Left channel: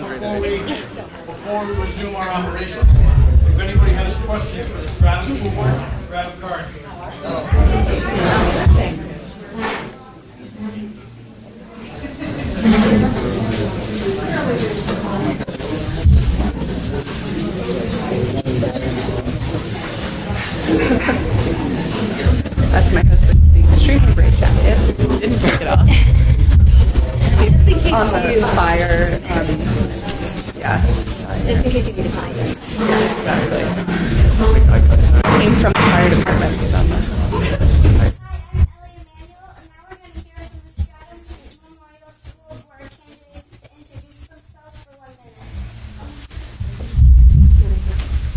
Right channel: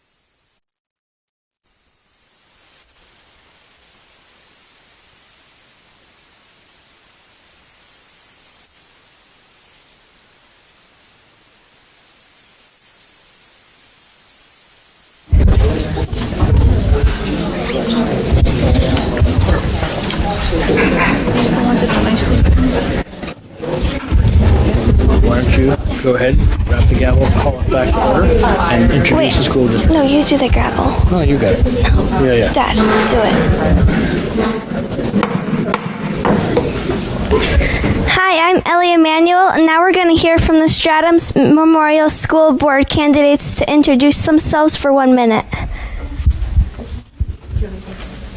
laundry today. Before we resume our operations, if anybody has questions for the Stratham School Board, grab a card. Go ahead, grab the gavel, call it back over, and introduce the school district. No, you do the gravel. Oh, you got it. Yeah. Dad, do it. Hi, I'm Ellie Emanuel, and now we're going to hear from the Stratham Memorial School Board candidates to introduce themselves for 1 minute.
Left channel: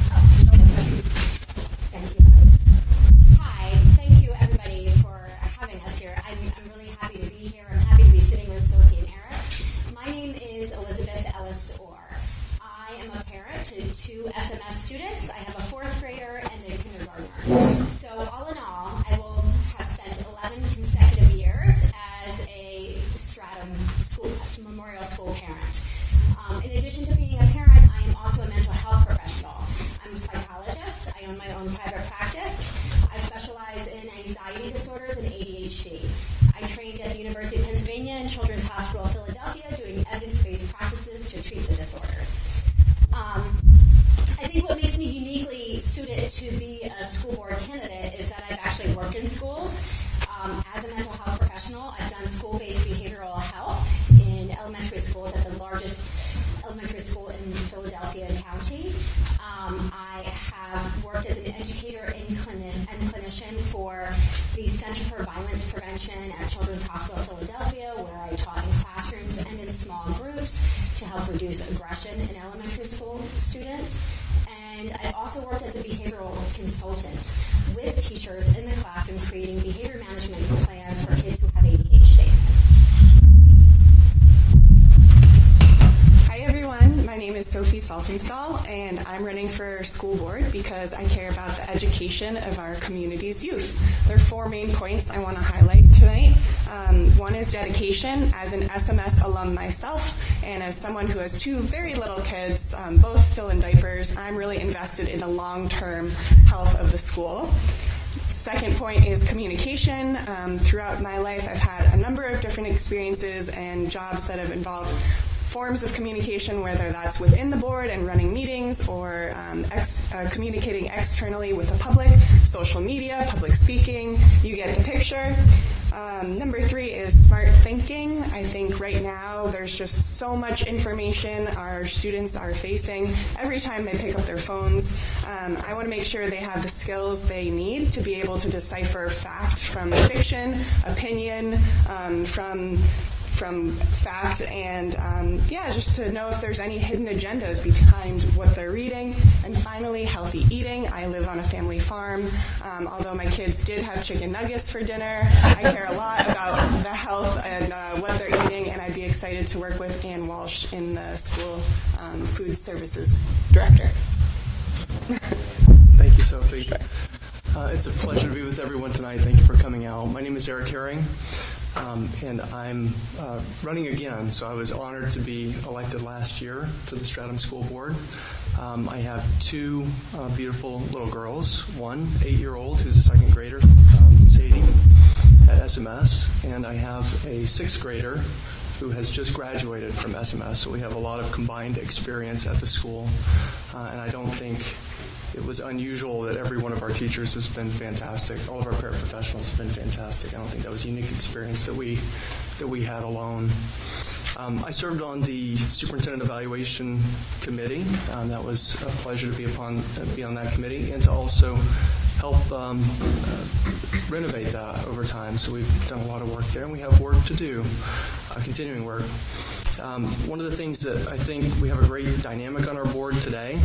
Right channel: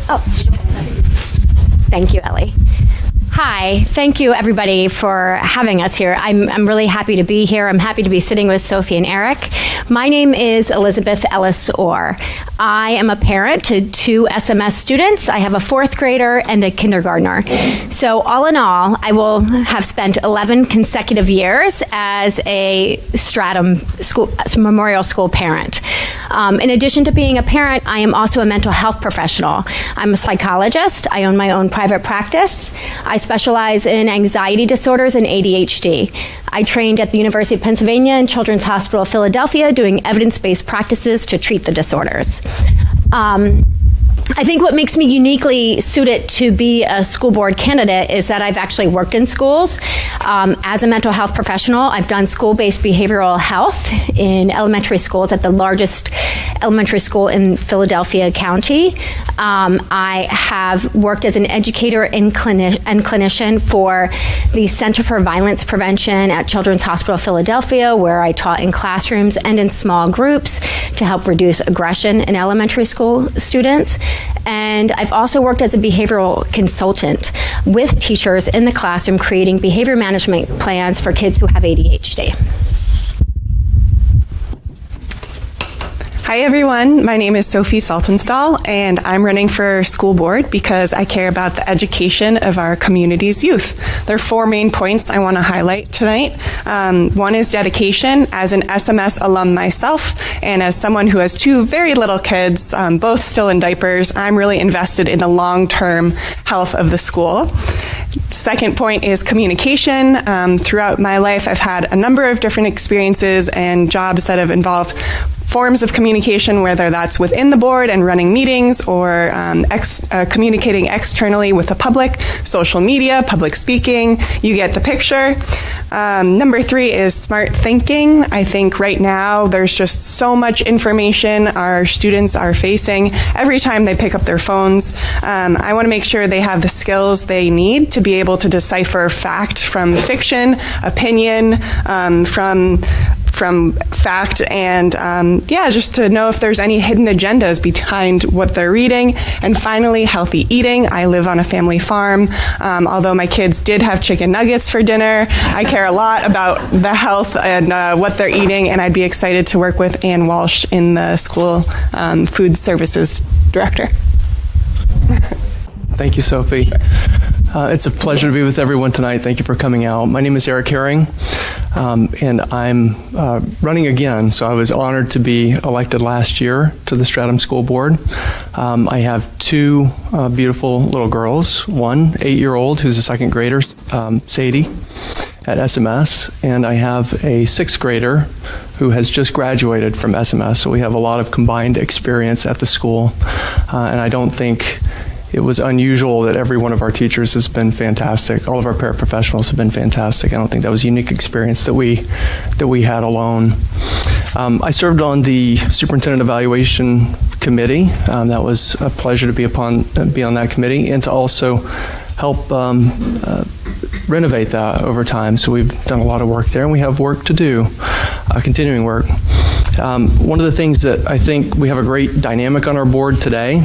Oh. Thank you, Ellie. Hi, thank you everybody for having us here. I'm really happy to be here. I'm happy to be sitting with Sophie and Eric. My name is Elizabeth Ellis Orr. I am a parent to 2 SMS students. I have a 4th grader and a kindergartner. So all in all, I will have spent 11 consecutive years as a Stratham Memorial School parent. In addition to being a parent, I am also a mental health professional. I'm a psychologist. I own my own private practice. I specialize in anxiety disorders and ADHD. I trained at the University of Pennsylvania and Children's Hospital of Philadelphia doing evidence-based practices to treat the disorders. I think what makes me uniquely suited to be a school board candidate is that I've actually worked in schools. As a mental health professional, I've done school-based behavioral health in elementary schools at the largest elementary school in Philadelphia County. I have worked as an educator and clinician for the Center for Violence Prevention at Children's Hospital of Philadelphia, where I taught in classrooms and in small groups to help reduce aggression in elementary school students. And I've also worked as a behavioral consultant with teachers in the classroom creating behavior management plans for kids who have ADHD. Hi everyone, my name is Sophie Saltonstall and I'm running for school board because I care about the education of our community's youth. There are 4 main points I want to highlight tonight. One is dedication. As an SMS alum myself and as someone who has 2 very little kids, both still in diapers, I'm really invested in the long-term health of the school. Second point is communication. Throughout my life, I've had a number of different experiences and jobs that have involved forms of communication, whether that's within the board and running meetings or communicating externally with the public, social media, public speaking, you get the picture. Number 3 is smart thinking. I think right now there's just so much information our students are facing every time they pick up their phones. I want to make sure they have the skills they need to be able to decipher fact from fiction, opinion from fact, and just to know if there's any hidden agendas behind what they're reading. And finally, healthy eating. I live on a family farm. Although my kids did have chicken nuggets for dinner, I care a lot about the health and what they're eating, and I'd be excited to work with Ann Walsh in the school food services director. Thank you, Sophie. It's a pleasure to be with everyone tonight. Thank you for coming out. My name is Eric Herring, and I'm running again. So I was honored to be elected last year to the Stratham School Board. I have 2 beautiful little girls, one 8-year-old who's a 2nd grader, Sadie, at SMS, and I have a 6th grader who has just graduated from SMS. So we have a lot of combined experience at the school, and I don't think it was unusual that every one of our teachers has been fantastic. All of our paraprofessionals have been fantastic. I don't think that was a unique experience that we had alone. I served on the Superintendent Evaluation Committee. That was a pleasure to be on that committee and to also help renovate that over time. So we've done a lot of work there, and we have work to do, continuing work. One of the things that I think we have a great dynamic on our board today,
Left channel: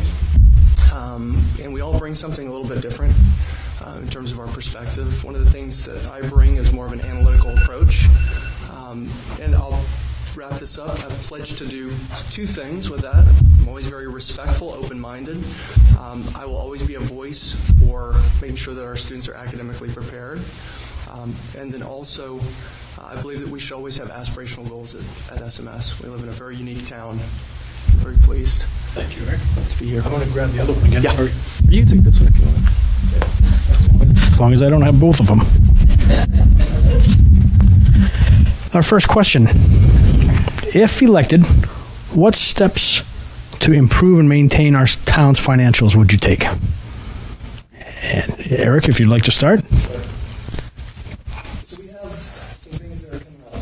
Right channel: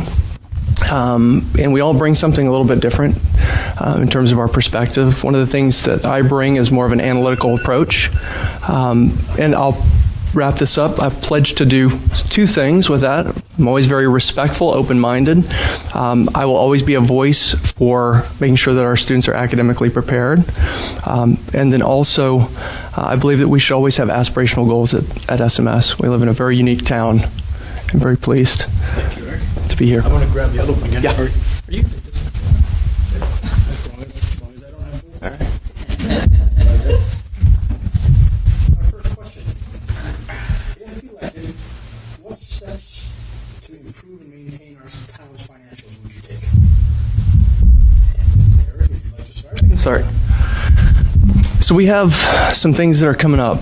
and we all bring something a little bit different in terms of our perspective. One of the things that I bring is more of an analytical approach. And I'll wrap this up. I've pledged to do 2 things with that. I'm always very respectful, open-minded. I will always be a voice for making sure that our students are academically prepared. And then also, I believe that we should always have aspirational goals at SMS. We live in a very unique town. very pleased Thank you, Eric. to be here. I want to grab the other one again. Yeah. Or you take this one if you want. As long as I don't have both of them. Our first question. If elected, what steps to improve and maintain our town's financials would you take? And Eric, if you'd like to start. Sorry. So we have some things that are coming up.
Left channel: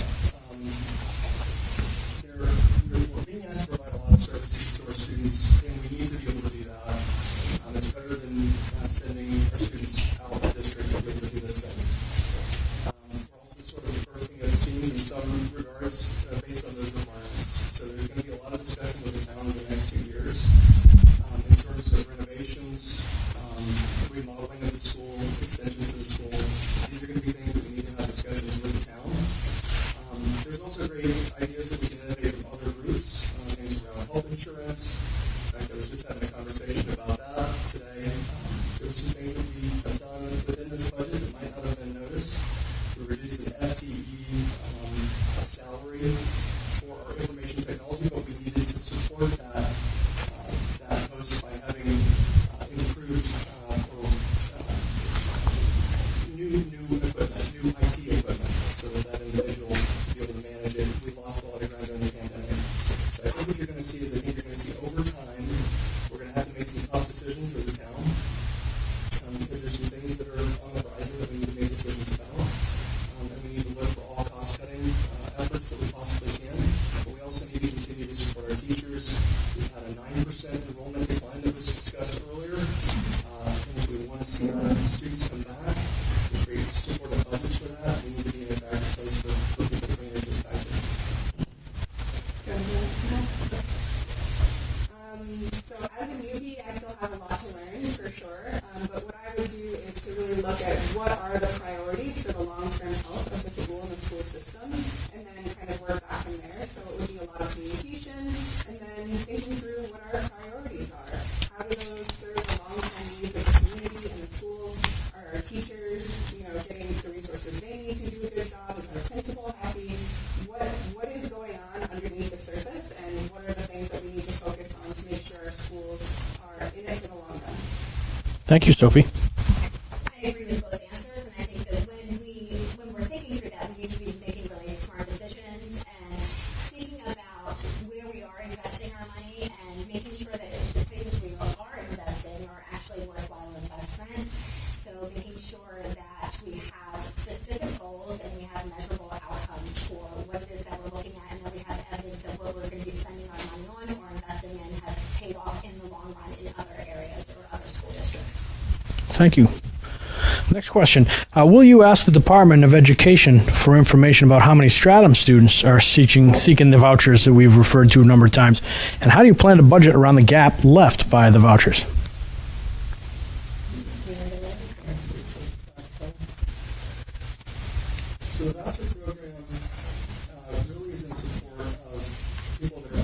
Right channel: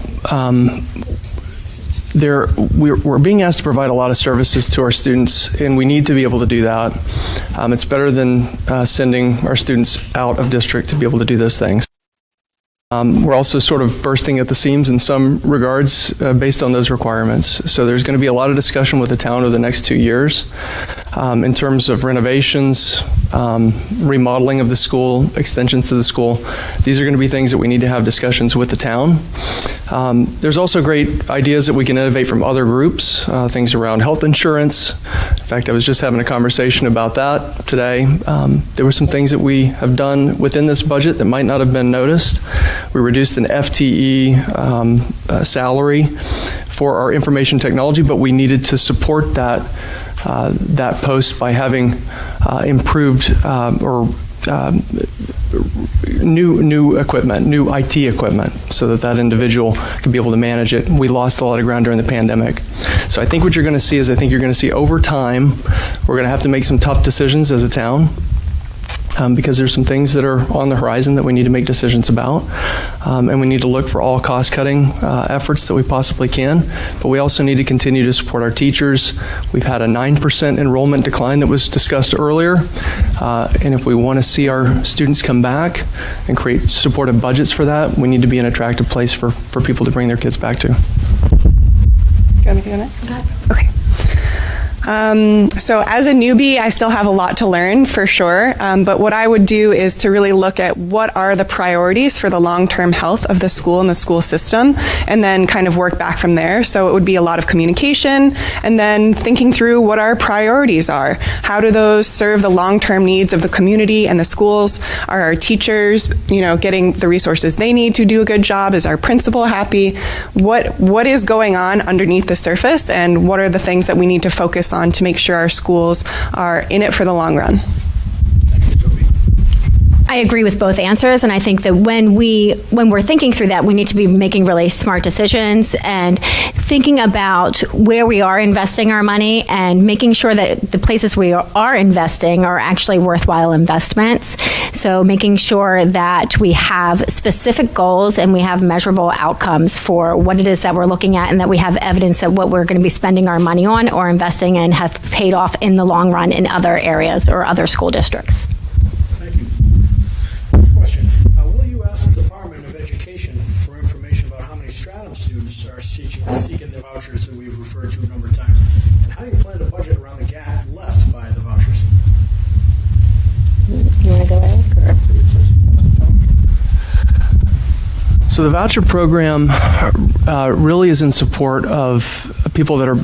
We're being asked to provide a lot of services to our students, and we need to be able to do that. It's better than sending our students out of district to be able to do those things. We're also sort of bursting at the seams in some regards based on those requirements. So there's going to be a lot of discussion with the town over the next 2 years in terms of renovations, remodeling of the school, extensions to the school. These are going to be things that we need to have discussions with the town. There's also great ideas that we can innovate from other groups, things around health insurance. In fact, I was just having a conversation about that today. There were some things that we have done within this budget that might not have been noticed. We reduced an FTE salary for our information technology, but we needed to support that post by having improved new equipment, new IT equipment, so that individual could be able to manage it. We lost a lot of ground during the pandemic. So I think what you're going to see is you're going to see over time, we're going to have to make some tough decisions as a town. Because there's some things that are on the horizon that we need to make decisions about. And we need to look for all cost-cutting efforts that we possibly can. But we also need to continue to support our teachers. We've had a 9% enrollment decline that was discussed earlier. And if we want to see our students come back and create supportive budgets for that, we need to be an attractive place for people to bring their kids back to. Do you want me to go next? Okay. So as a newbie, I still have a lot to learn for sure. But what I would do is to really look at what are the priorities for the long-term health of the school and the school system, and then kind of work back from there. So it would be a lot of communication, and then thinking through what our priorities are. How do those serve the long-term needs of the community and the schools? Are our teachers, getting the resources they need to do a good job? Is our principal happy? What is going on underneath the surface, and what are the things that we need to focus on to make sure our schools are in it for the long run? Thank you, Sophie. I agree with both answers, and I think that when we're thinking through that, we need to be making really smart decisions and thinking about where we are investing our money and making sure that the places we are investing are actually worthwhile investments. So making sure that we have specific goals and we have measurable outcomes for what it is that we're looking at, and that we have evidence that what we're going to be spending our money on or investing in have paid off in the long run in other areas or other school districts. Thank you. Next question. Will you ask the Department of Education for information about how many Stratham students are seeking the vouchers that we've referred to a number of times? And how do you plan to budget around the gap left by the vouchers? You want to go, Eric? So the voucher program really is in support of people that are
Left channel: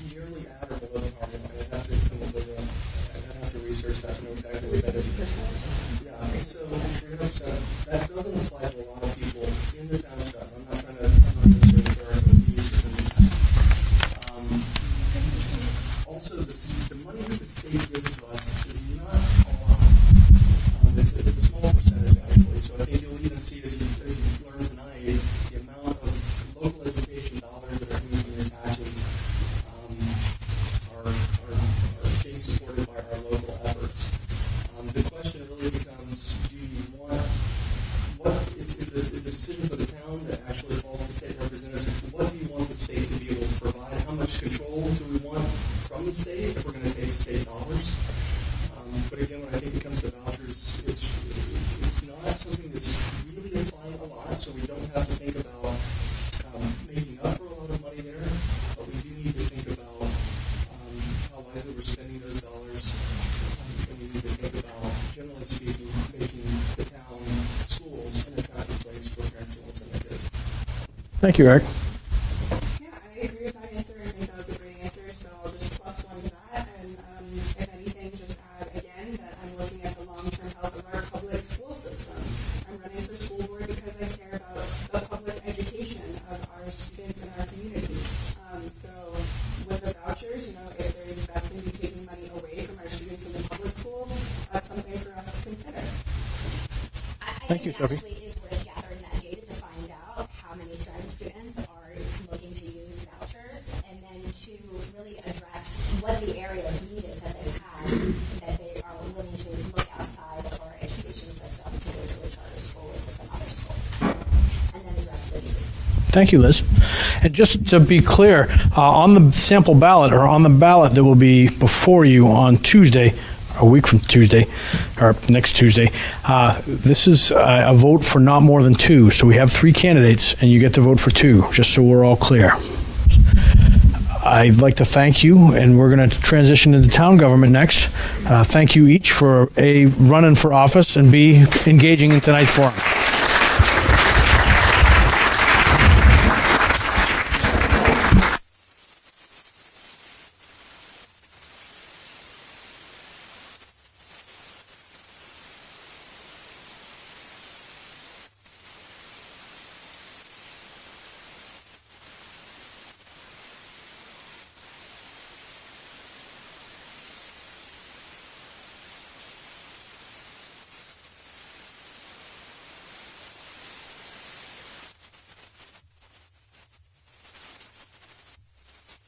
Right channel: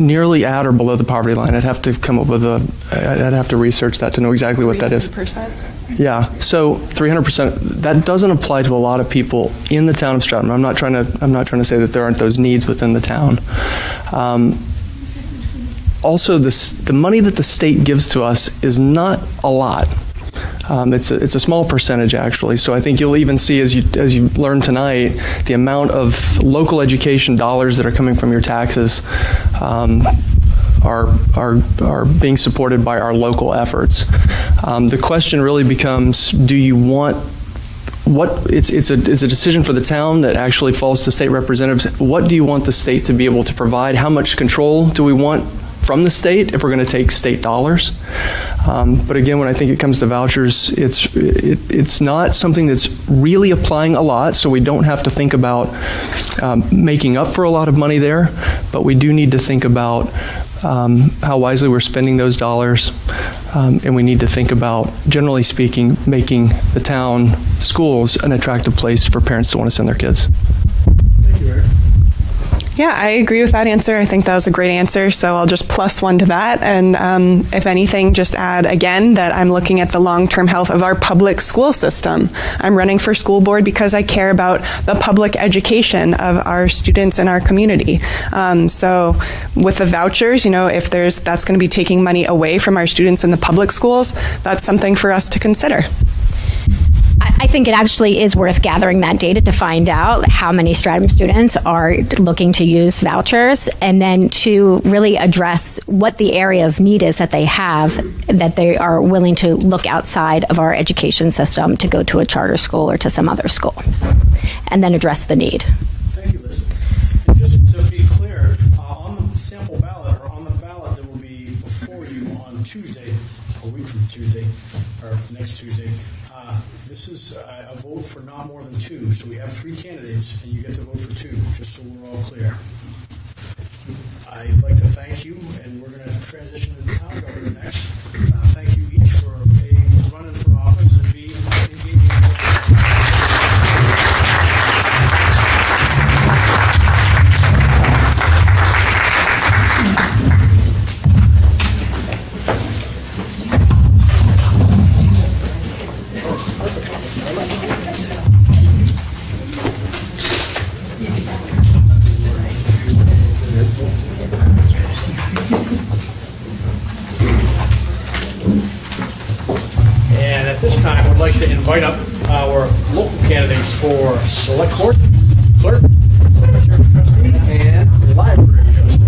nearly at or below the poverty line. I'd have to come up with I'd have to research that to know exactly what that is. 300%? Yeah, so 300%, that doesn't apply to a lot of people in the town of Stratham. I'm not trying to say that there aren't those needs within the town. Also, the money that the state gives to us is not a lot. It's a small percentage, actually. So I think you'll even see, as you learn tonight, the amount of local education dollars that are coming from your taxes are being supported by our local efforts. The question really becomes: do you want it's a decision for the town that actually falls to state representatives. What do you want the state to be able to provide? How much control do we want from the state if we're going to take state dollars? But again, when I think it comes to vouchers, it's not something that's really applying a lot, so we don't have to think about making up for a lot of money there, but we do need to think about how wisely we're spending those dollars, and we need to think about, generally speaking, making the town schools an attractive place for parents to want to send their kids. Thank you, Eric. Yeah, I agree with that answer. I think that was a great answer, so I'll just plus one to that. And if anything, just add again that I'm looking at the long-term health of our public school system. I'm running for school board because I care about the public education of our students in our community. So with the vouchers, if that's going to be taking money away from our students in the public schools, that's something for us to consider. I think it actually is worth gathering that data to find out how many Stratham students are looking to use vouchers, and then to really address what the area of need is that they have, that they are willing to look outside of our education system to go to a charter school or to some other school, and then address the need. Thank you, Liz. And just to be clear, on the sample ballot, or on the ballot that will be before you on Tuesday, a week from Tuesday, or next Tuesday, this is a vote for not more than 2. So we have 3 candidates, and you get to vote for 2, just so we're all clear. I'd like to thank you, and we're going to transition into town government next. Thank you each for A, running for office, and B, engaging in tonight's forum. Invite up our local candidates for Select Board, Clerk, Secretary Trustee, and Library Trustee.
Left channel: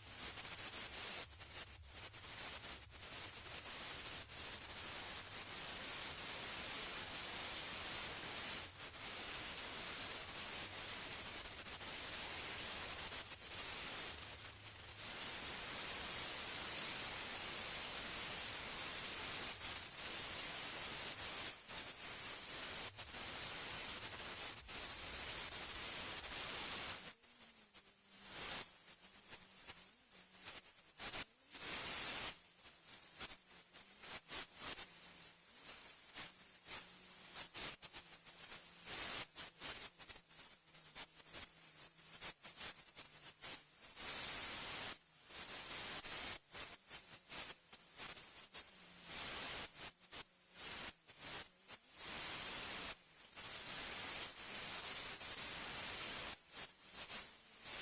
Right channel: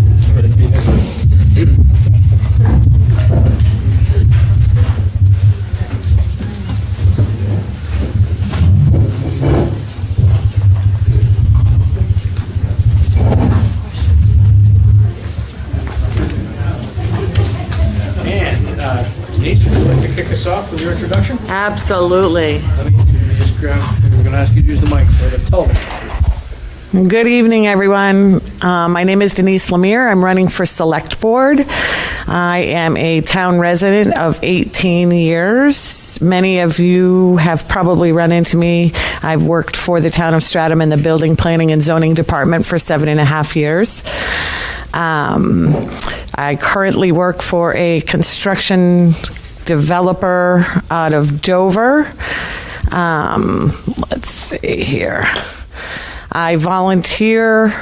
Denise, would you like to kick us off with your introduction? Absolutely. We're going to ask you to use the mic for the television. Good evening, everyone. My name is Denise Lemire. I'm running for Select Board. I am a town resident of 18 years. Many of you have probably run into me. I've worked for the town of Stratham in the Building, Planning, and Zoning Department for 7.5 years. I currently work for a construction developer out of Dover. Let's see here. I volunteer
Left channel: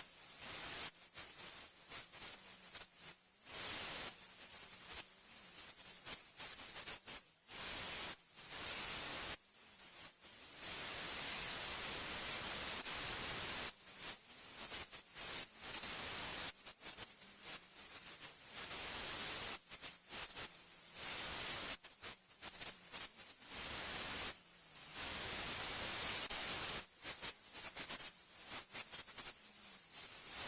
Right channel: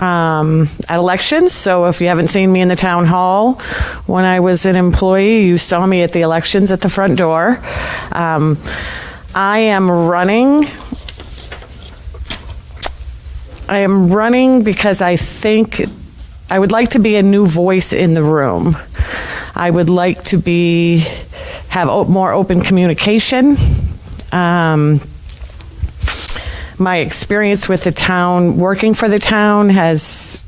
at elections, so if you haven't seen me in the town hall when I was an employee, you saw me at the elections at the front door. I am running because I think I would like to be a new voice in the room. I would like to have more open communication. My experience with the town, working for the town has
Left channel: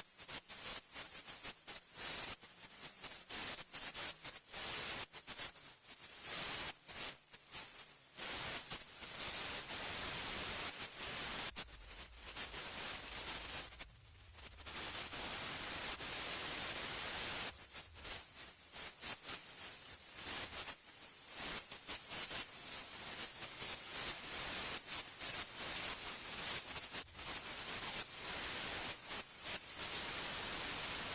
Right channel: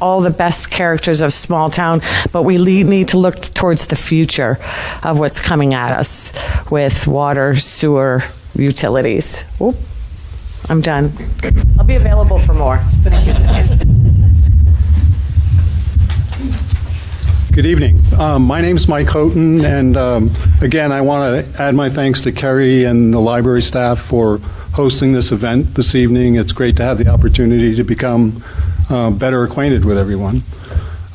all the best characters of small town, but we need to look towards the future of what's coming at us with water, sewer, utilities. Oop, I'm done. I'll be available for more. Thank you. Good evening. My name's Mike Houghton, and again, I want to add my thanks to Kerry and the library staff for hosting this event this evening. It's great to have the opportunity to become better acquainted with everyone.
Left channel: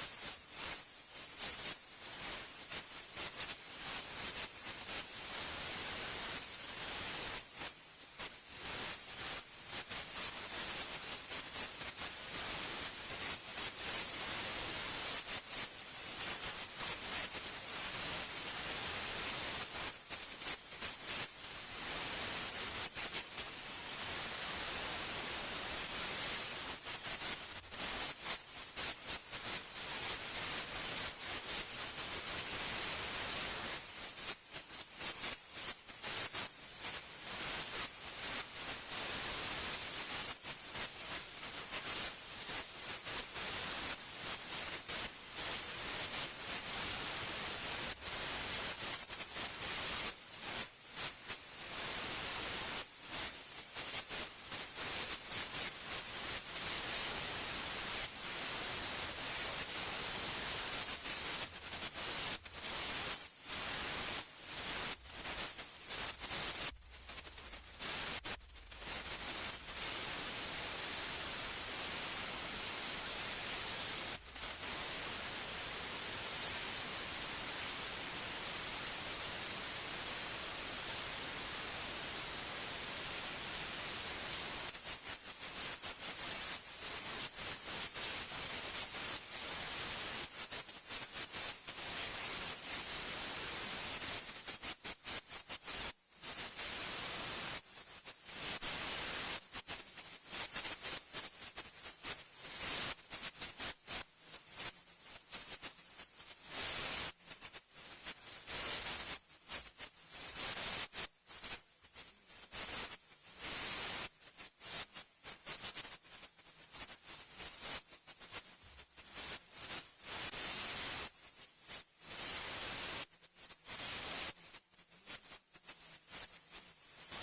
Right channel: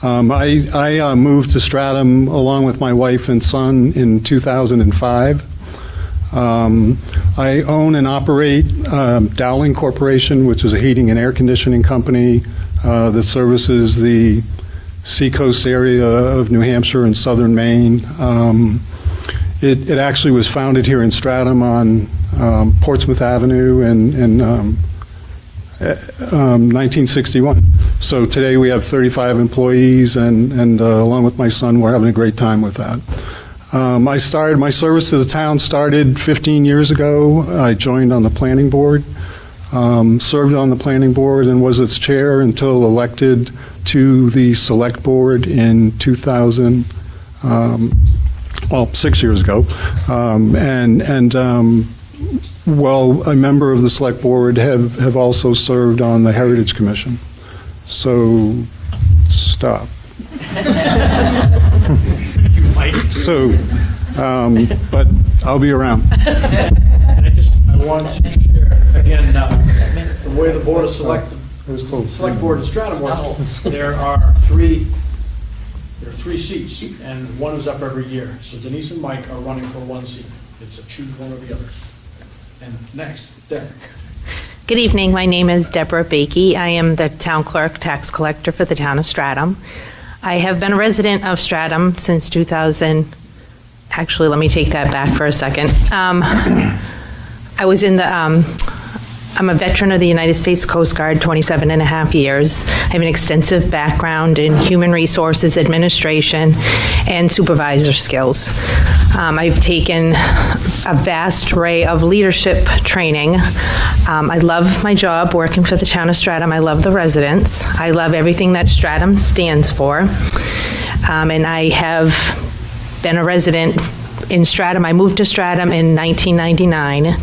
I moved to Stratham along with my wife and son in 2005. I own and operate Dowling Corporation, which is a heating and air conditioning company that services the seacoast area of New Hampshire and southern Maine. It actually was founded here in Stratham on Portsmouth Avenue in 1961. So today we have 35 employees, and along with my son, we're having a great time with that. My service to the town started 15 years ago. I joined on the planning board, served on the planning board, and was its chair until elected to the select board in 2000, 6 years ago. Well, a member of the select board have also served on the Heritage Commission. So, stop. So, but I'll be around. And I want to share, again, the way the Board of Select Board in Stratham works, there are three seats, and one is up every year. So Denise and Mike are running for one seat. It's a choose one or the other. And next, Deb. Good evening. My name is Deborah Bakey. I am the town clerk, tax collector for the town of Stratham. I have been a resident of Stratham since 2000. Actually, let me take that back for a second. I was in the, I'm a veteran of the United States Coast Guard, 27 and a half years. I have an extensive background in human resources administration and supervisor skills. I've taken a vast array of leadership training. I love my job working for the town of Stratham. I love the residents. I love everything that Stratham stands for. And I have been a resident in Stratham. I moved to Stratham in 1999.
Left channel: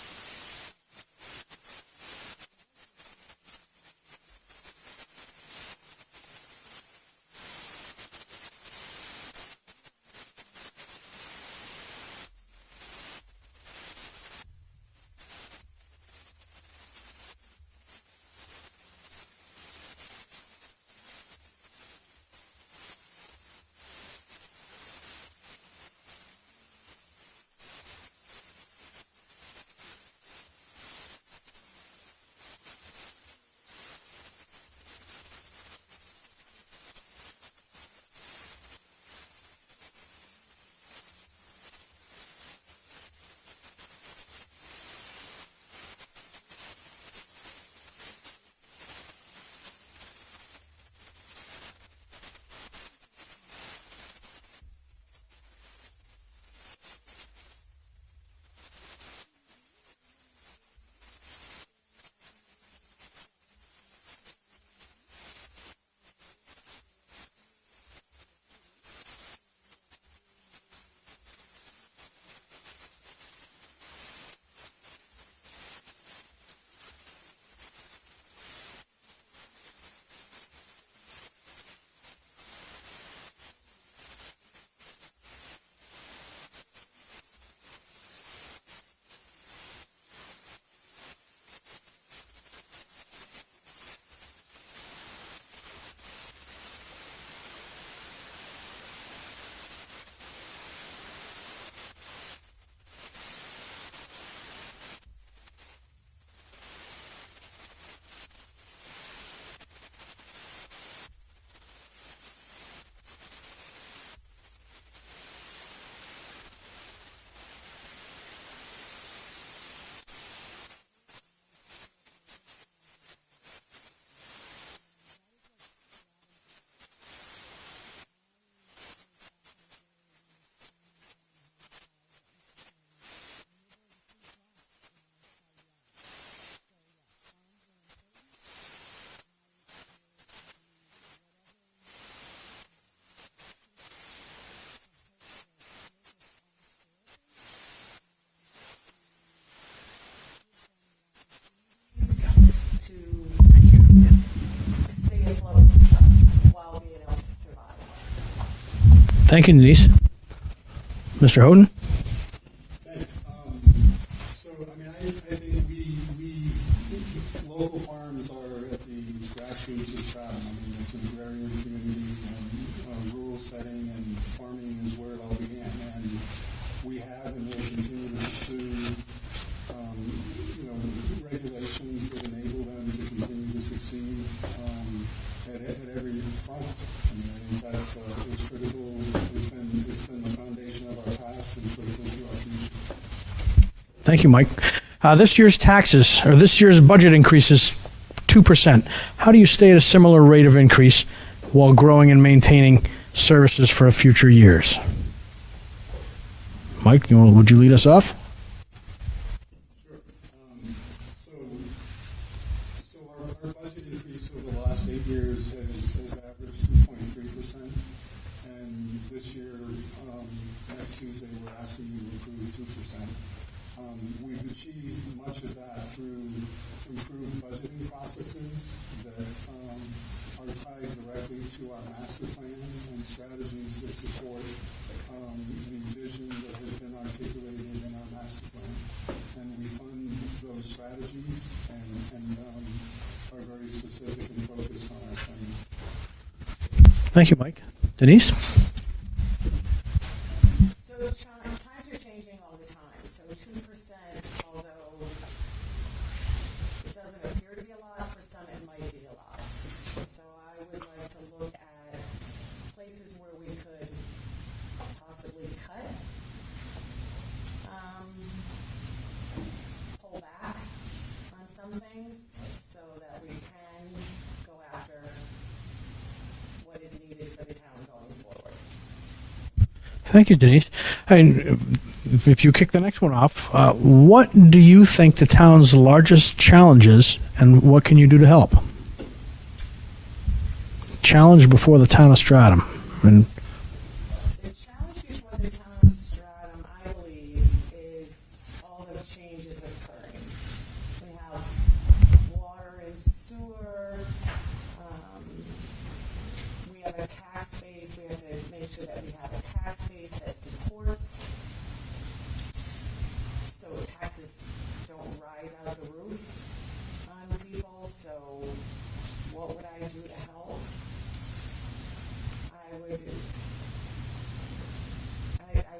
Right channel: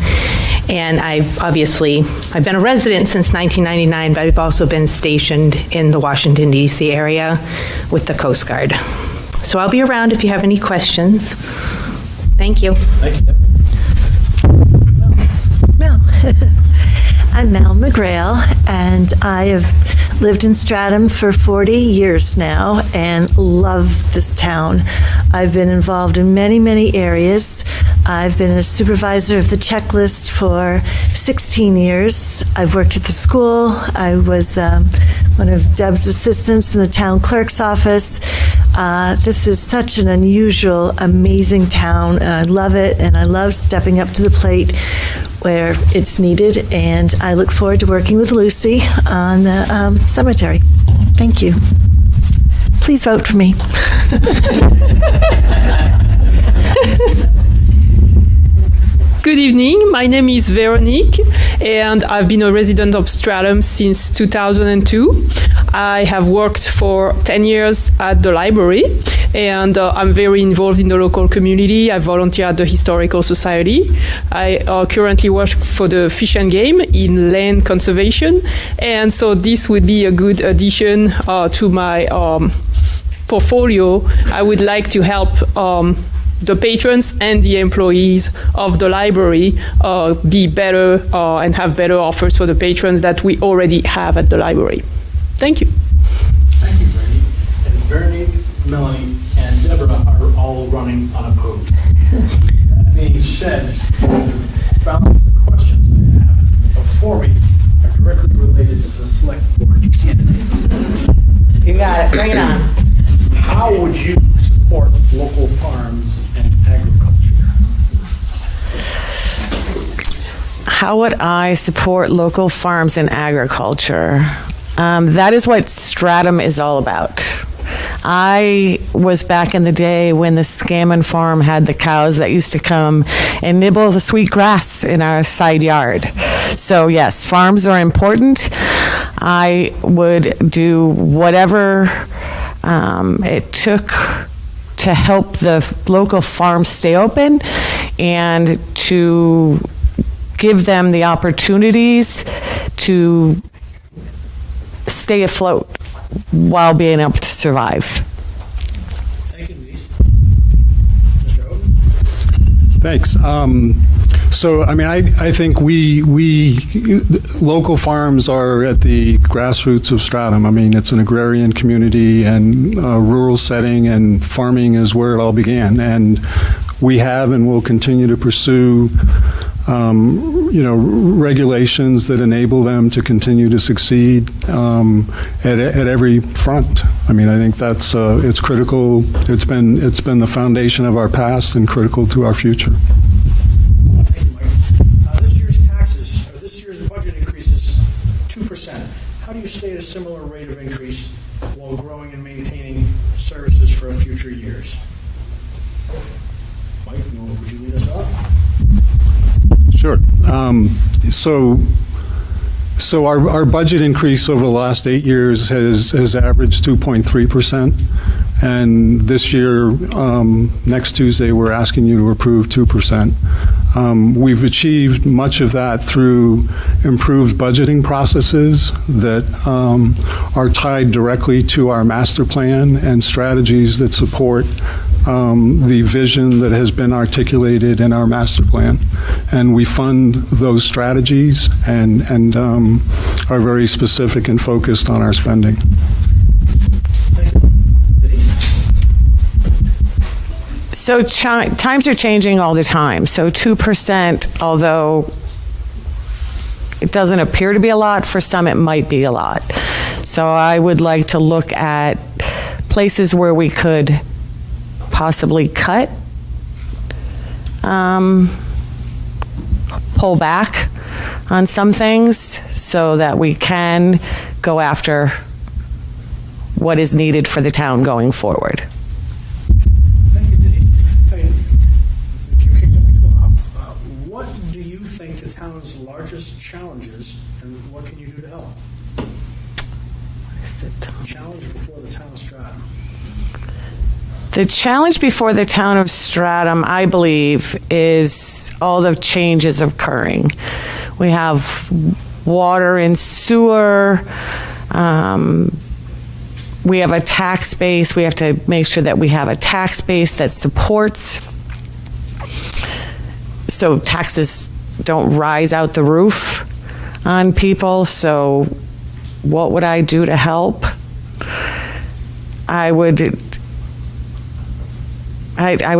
And I've been a resident since 1999, but I've also been stationed in the Washington, D.C. area with the Coast Guard. So I'll be around if you have any questions. Thank you. Thank you, Deb. Mel. I'm Mel McGrail, and I have lived in Stratham for 40 years now and love this town. I've been involved in many, many areas. I've been a supervisor of the checklist for 16 years. I've worked at the school. I was one of Deb's assistants in the town clerk's office. This is such an unusual, amazing town. I love it, and I love stepping up to the plate where it's needed, and I look forward to working with Lucy on the cemetery. Thank you. Please vote for me. Good evening, my name is Veronique, and I've been a resident of Stratham since 2002. I have worked for 10 years at the library, and I'm very involved in the local community. I volunteer at the Historical Society. I currently work for the Fish and Game in land conservation, and so this would be a good addition to my portfolio. I would like to help the patrons and the employees of the library be better and have better offers for the patrons that we already have at the library. Thank you. Thank you, Brady. And Veronique, Melanie, and Deborah are all running unopposed. That being said, the balance of the questions I have before me are directly related to the select board candidates. You got it. Bring it on. How would you support local farms and agriculture? How would I support local farms and agriculture? That is what Stratham is all about. I was back in the day when the Scammon farm had the cows that used to come and nibble the sweet grass in our side yard. So yes, farms are important. I would do whatever it took to help the local farms stay open and to give them the opportunities to stay afloat while being able to survive. Thank you, Denise. Mr. Houghton? Thanks. So, I mean, I think we local farms are at the grassroots of Stratham. I mean, it's an agrarian community and a rural setting, and farming is where it all began. And we have and will continue to pursue regulations that enable them to continue to succeed at every front. I mean, I think that's it's critical. It's been the foundation of our past and critical to our future. Thank you, Mike. This year's budget increase is 2%. How do you stay at a similar rate of increase while growing and maintaining services for future years? Mike, would you lead us off? Sure. So our budget increase over the last 8 years has averaged 2.3%. And this year, next Tuesday, we're asking you to approve 2%. We've achieved much of that through improved budgeting processes that are tied directly to our master plan and strategies that support the vision that has been articulated in our master plan. And we fund those strategies and are very specific and focused on our spending. Thank you, Mike. Denise? So times are changing all the time. So 2%, although it doesn't appear to be a lot, for some it might be a lot. So I would like to look at places where we could possibly cut, pull back on some things so that we can go after what is needed for the town going forward. Thank you, Denise. If you kick the next one off, what do you think the town's largest challenge is, and what can you do to help? Challenge before the town of Stratham. The challenge before the town of Stratham, I believe, is all the changes occurring. We have water and sewer. We have a tax base. We have to make sure that we have a tax base that supports, so taxes don't rise out the roof on people. So what would I do to help? I would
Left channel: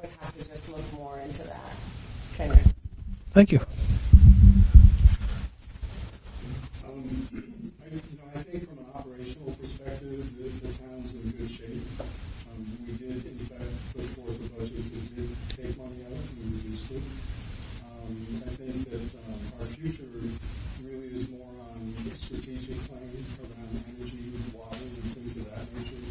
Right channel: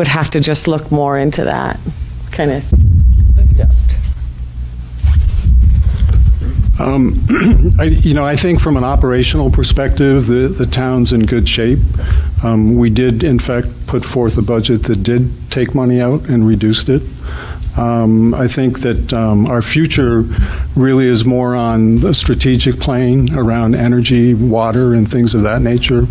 have to just look more into that kind of. Thank you. I think from an operational perspective, the town's in good shape. We did, in fact, put forth a budget that did take money out and reduced it. I think that our future really is more on the strategic plane around energy, water, and things of that nature.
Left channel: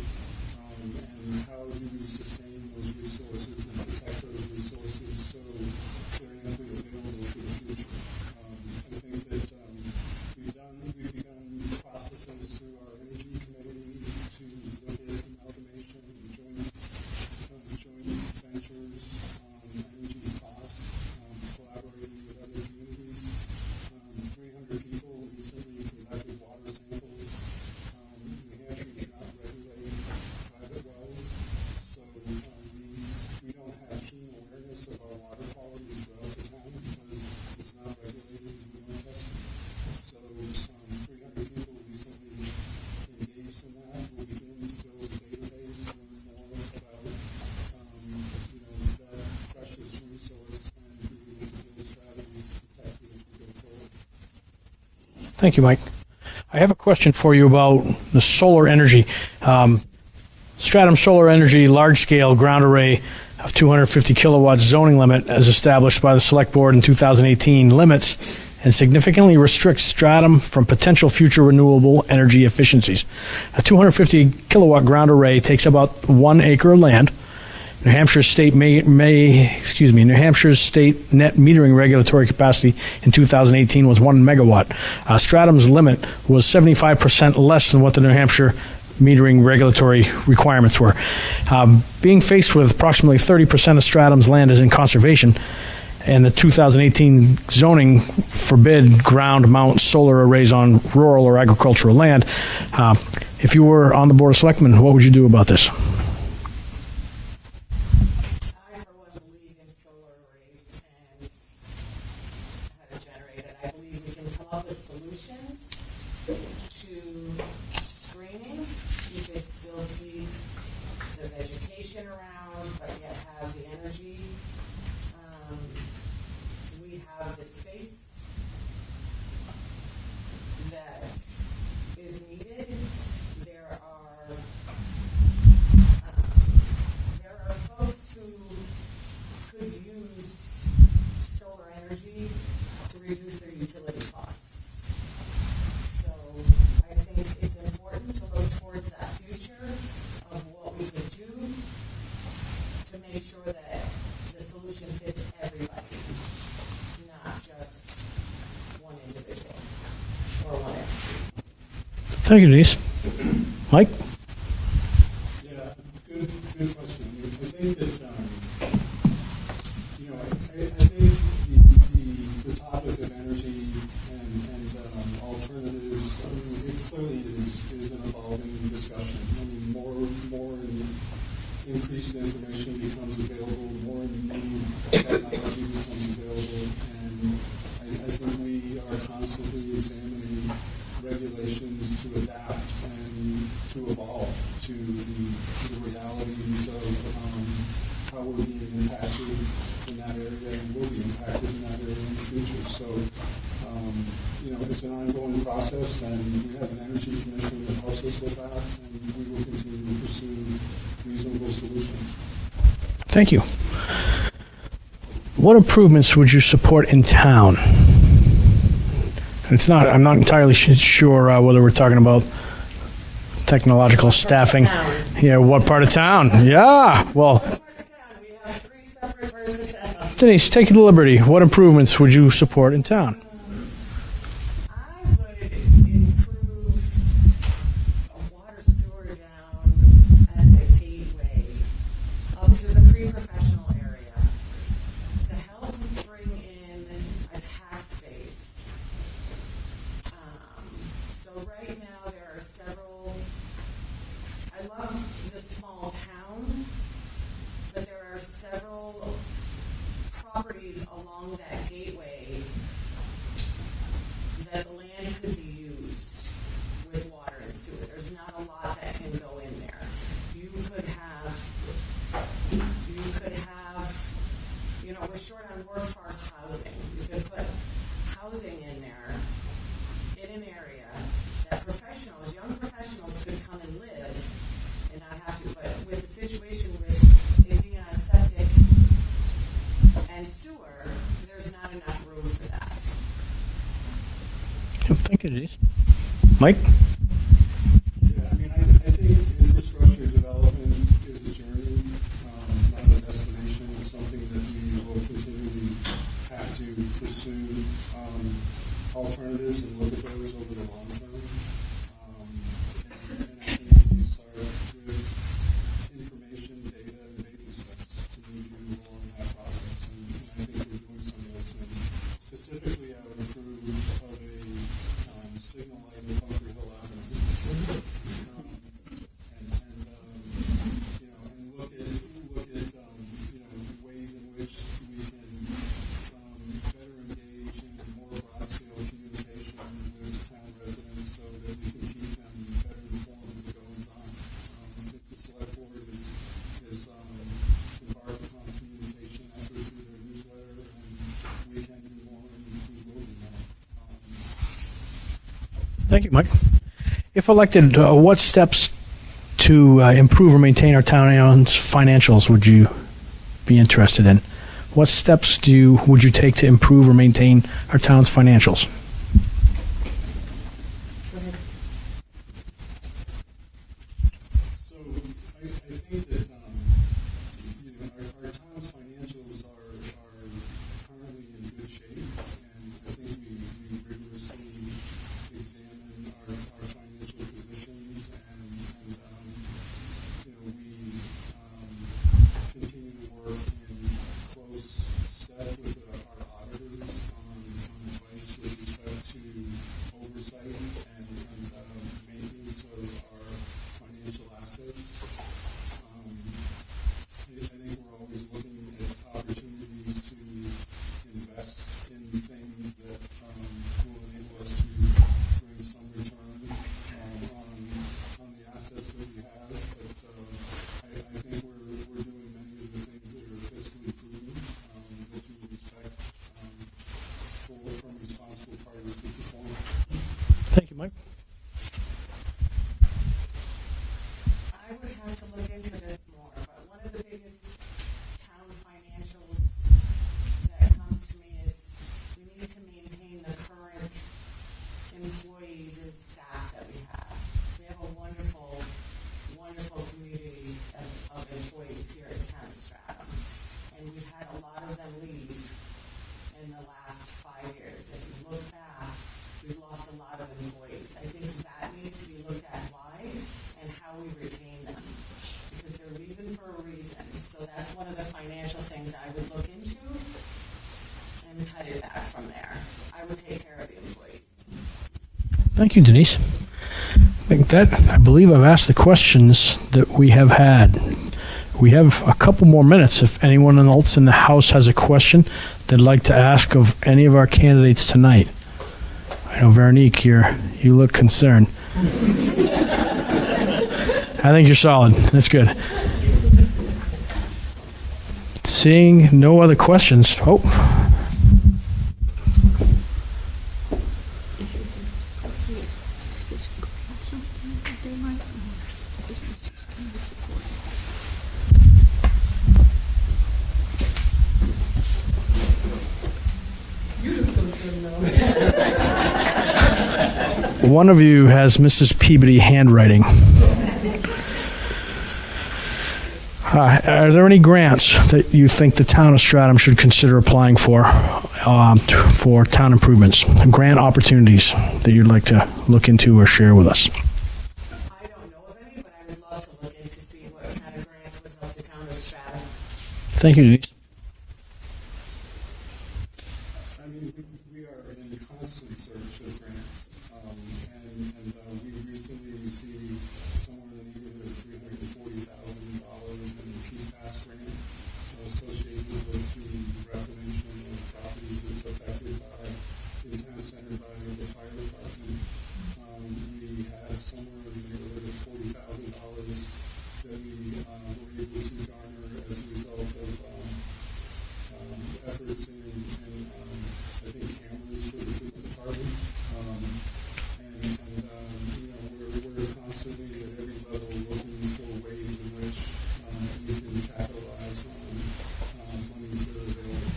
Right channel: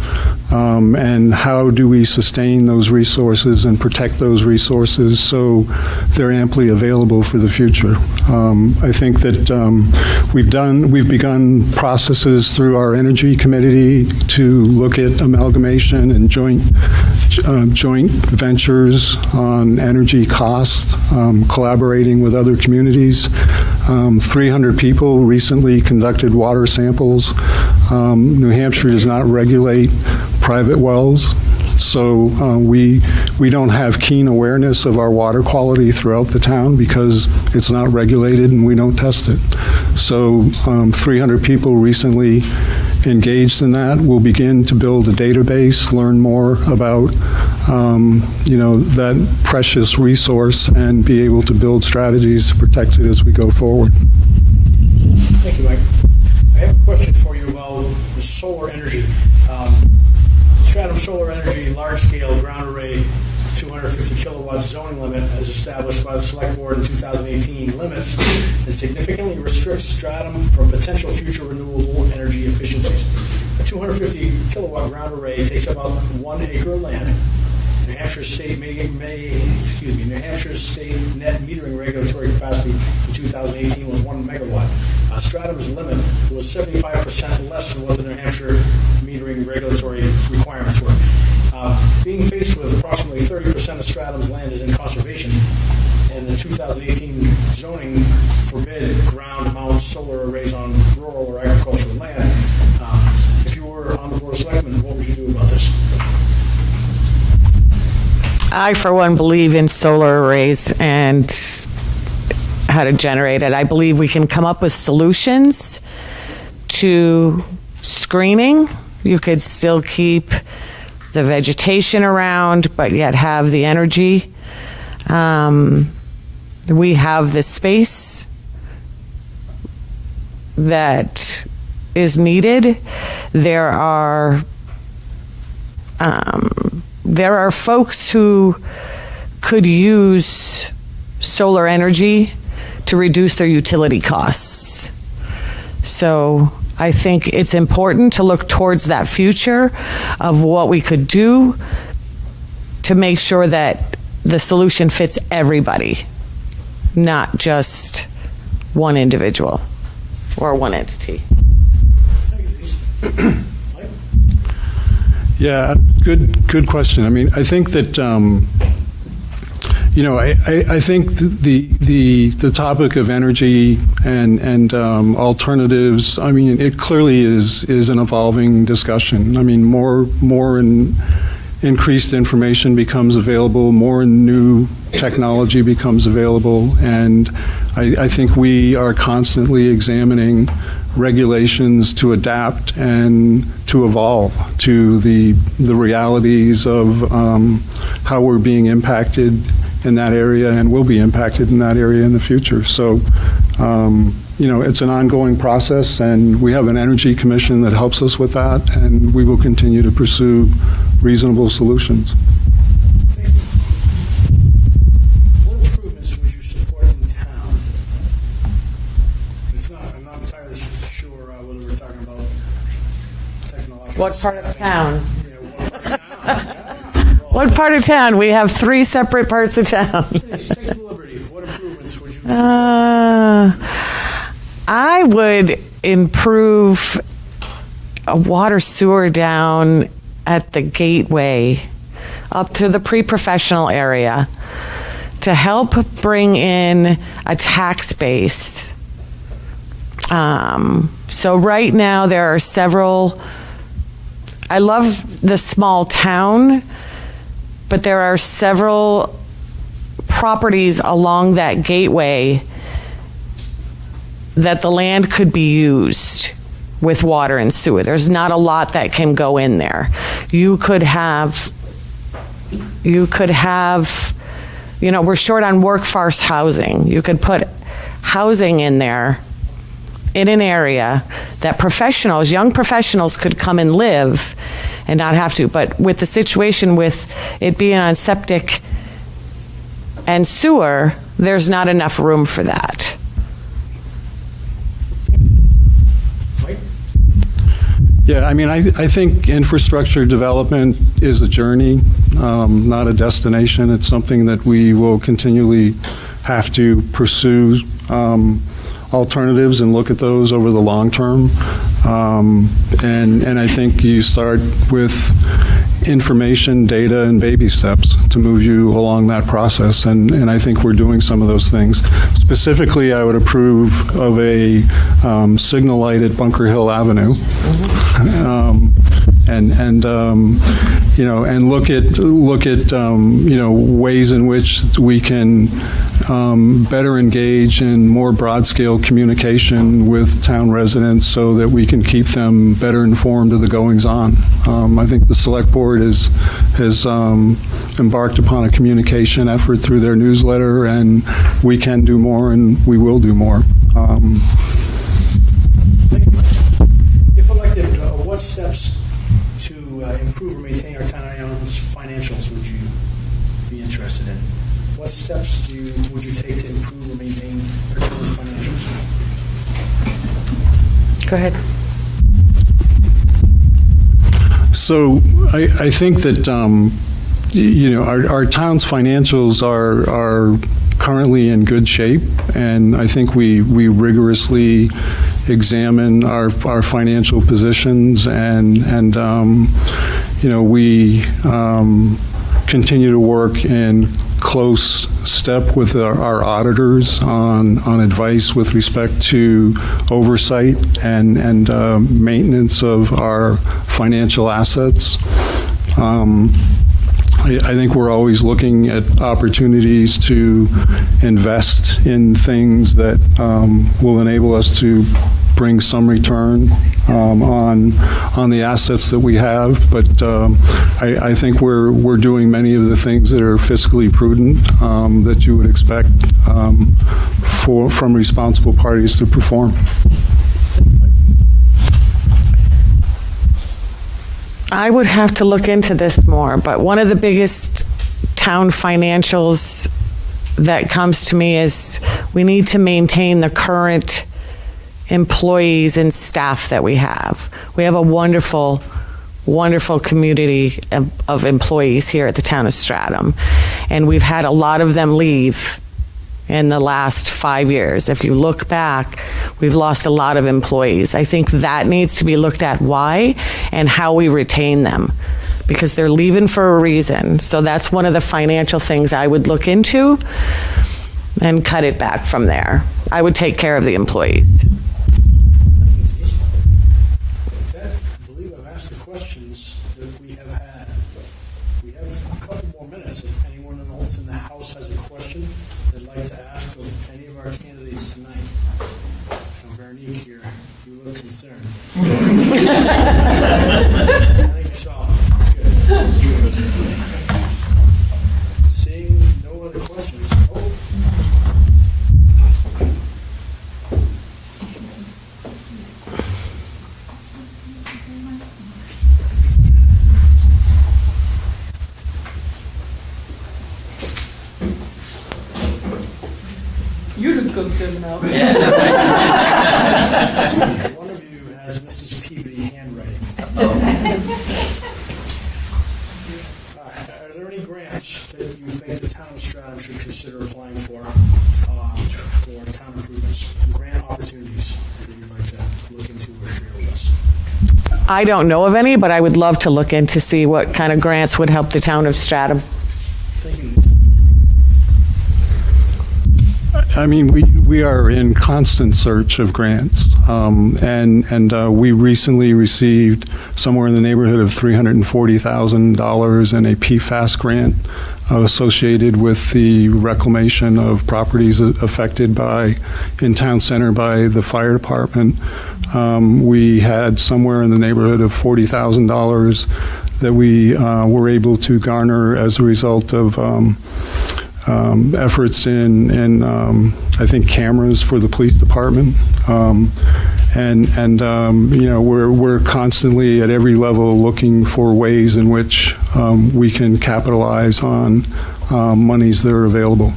And how do we sustain those resources and protect those resources so they're amply available for the future. I think that we've begun processes through our energy committee to look at amalgamation and joint ventures on energy cost, collaborating with other communities. 300 people recently conducted water samples. New Hampshire does not regulate private wells, so we don't have keen awareness of our water quality throughout the town because it's not regulated and we don't test it. So 300 people recently engaged in that. We'll begin to build a database, learn more about that precious resource, and be able to build strategies to protect it as we go forward. Thank you, Mike. I have a question for you about the solar energy. Stratham Solar Energy large-scale ground array of 250 kilowatts zoning limit, as established by the Select Board in 2018, limits and significantly restricts Stratham from potential future renewable energy efficiencies. A 250 kilowatt ground array takes about 1 acre of land. New Hampshire's state New Hampshire's state net metering regulatory capacity in 2018 was 1 megawatt. Stratham's limit was 75% less than what the New Hampshire metering regulatory requirements were. Being faced with approximately 30% of Stratham's land is in conservation, and the 2018 zoning forbid ground mount solar arrays on rural or agricultural land. If you were on the Board of Selectmen, what would you do about this? I, for one, believe in solar arrays and how to generate it. I believe we can come up with solutions to screening. You could still keep the vegetation around, but yet have the energy. We have the space that is needed. There are folks who could use solar energy to reduce their utility costs. So I think it's important to look towards that future of what we could do to make sure that the solution fits everybody, not just one individual or one entity. Thank you, Denise. Mike? Yeah, good question. I mean, I think that I think the topic of energy and alternatives. I mean, it clearly is an evolving discussion. I mean, more increased information becomes available, more new technology becomes available, and I think we are constantly examining regulations to adapt and to evolve to the realities of how we're being impacted in that area and will be impacted in that area in the future. So, it's an ongoing process, and we have an energy commission that helps us with that, and we will continue to pursue reasonable solutions. Thank you. What improvements would you support in town? I'm not entirely sure whether we're talking about technological staffing. Yeah, what part of town? Yeah. Well, what part of town? We have 3 separate parts of town. Denise, take the liberty. What improvements would you support in town? I would improve a water sewer down at the gateway up to the pre-professional area to help bring in a tax base. So right now there are several, I love the small town, but there are several properties along that gateway that the land could be used with water and sewer. There's not a lot that can go in there. You could have, we're short on workforce housing. You could put housing in there in an area that young professionals could come and live and not have to. But with the situation with it being on septic and sewer, there's not enough room for that. Thank you, Denise. Mike? Yeah, I think infrastructure development is a journey, not a destination. It's something that we will continually have to pursue alternatives and look at those over the long term. And I think you start with information, data, and baby steps to move you along that process. And I think we're doing some of those things. Specifically, I would approve of a signal light at Bunker Hill Avenue. And look at ways in which we can better engage in more broad-scale communication with town residents so that we can keep them better informed of the goings-on. I think the Select Board has embarked upon a communication effort through their newsletter, and we can do more, and we will do more. Thank you, Mike. If elected, what steps to improve or maintain our town's financials would you be interested in? What steps would you take to improve or maintain our town's financials? Go ahead. So I think that our town's financials are currently in good shape, and I think we rigorously examine our financial positions, and we continue to work in close step with our auditors on advice with respect to oversight and maintenance of our financial assets. I think we're always looking at opportunities to invest in things that will enable us to bring some return on the assets that we have, but I think we're doing many of the things that are fiscally prudent that you would expect from responsible parties to perform. I would have to look into this more, but one of the biggest town financials that comes to me is we need to maintain the current employees and staff that we have. We have a wonderful, wonderful community of employees here at the town of Stratham, and we've had a lot of them leave in the last 5 years. If you look back, we've lost a lot of employees. I think that needs to be looked at, why and how we retain them, because they're leaving for a reason. So that's one of the financial things I would look into and cut it back from there. I would take care of the employees. Thank you, Denise. I believe I've asked the questions that we have had. We have a couple more minutes. If anyone else in the House has a question they'd like to ask of any of our candidates tonight. I know, Veronique, you look concerned. I think you're solid. That's good. Seeing no other questions. Oh. You look concerned now. One of you has Mrs. Peabody handwriting. Are there any grants that you think the town of Stratham should consider applying for town improvements? Grant opportunities that you'd like to look into or share with us? I don't know of any, but I would love to look into see what kind of grants would help the town of Stratham. Thank you, Denise. I mean, we are in constant search of grants, and we recently received somewhere in the neighborhood of $340,000 in a PFAS grant associated with the reclamation of properties affected in town center by the fire department. We had somewhere in the neighborhood of $40,000 that we were able to garner as a result of efforts in I think cameras for the police department, we're constantly at every level looking for ways in which we can capitalize on monies that are available.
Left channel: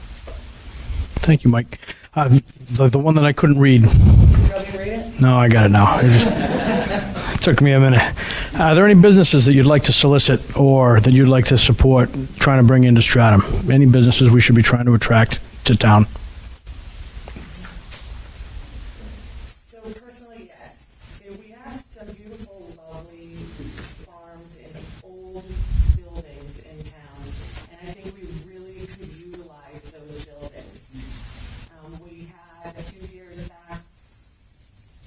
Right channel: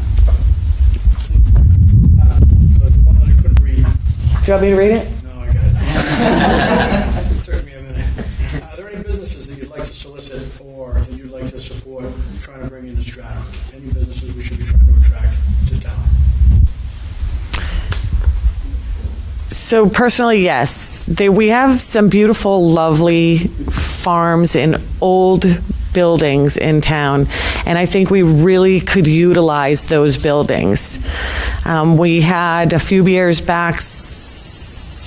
Thank you, Mike. The one that I couldn't read. Do you want me to read it? No, I got it now. It took me a minute. Are there any businesses that you'd like to solicit or that you'd like to support trying to bring into Stratham? Any businesses we should be trying to attract to town? So personally, yes. We have some beautiful, lovely farms in old buildings in town, and I think we really could utilize those buildings. We had a few years back,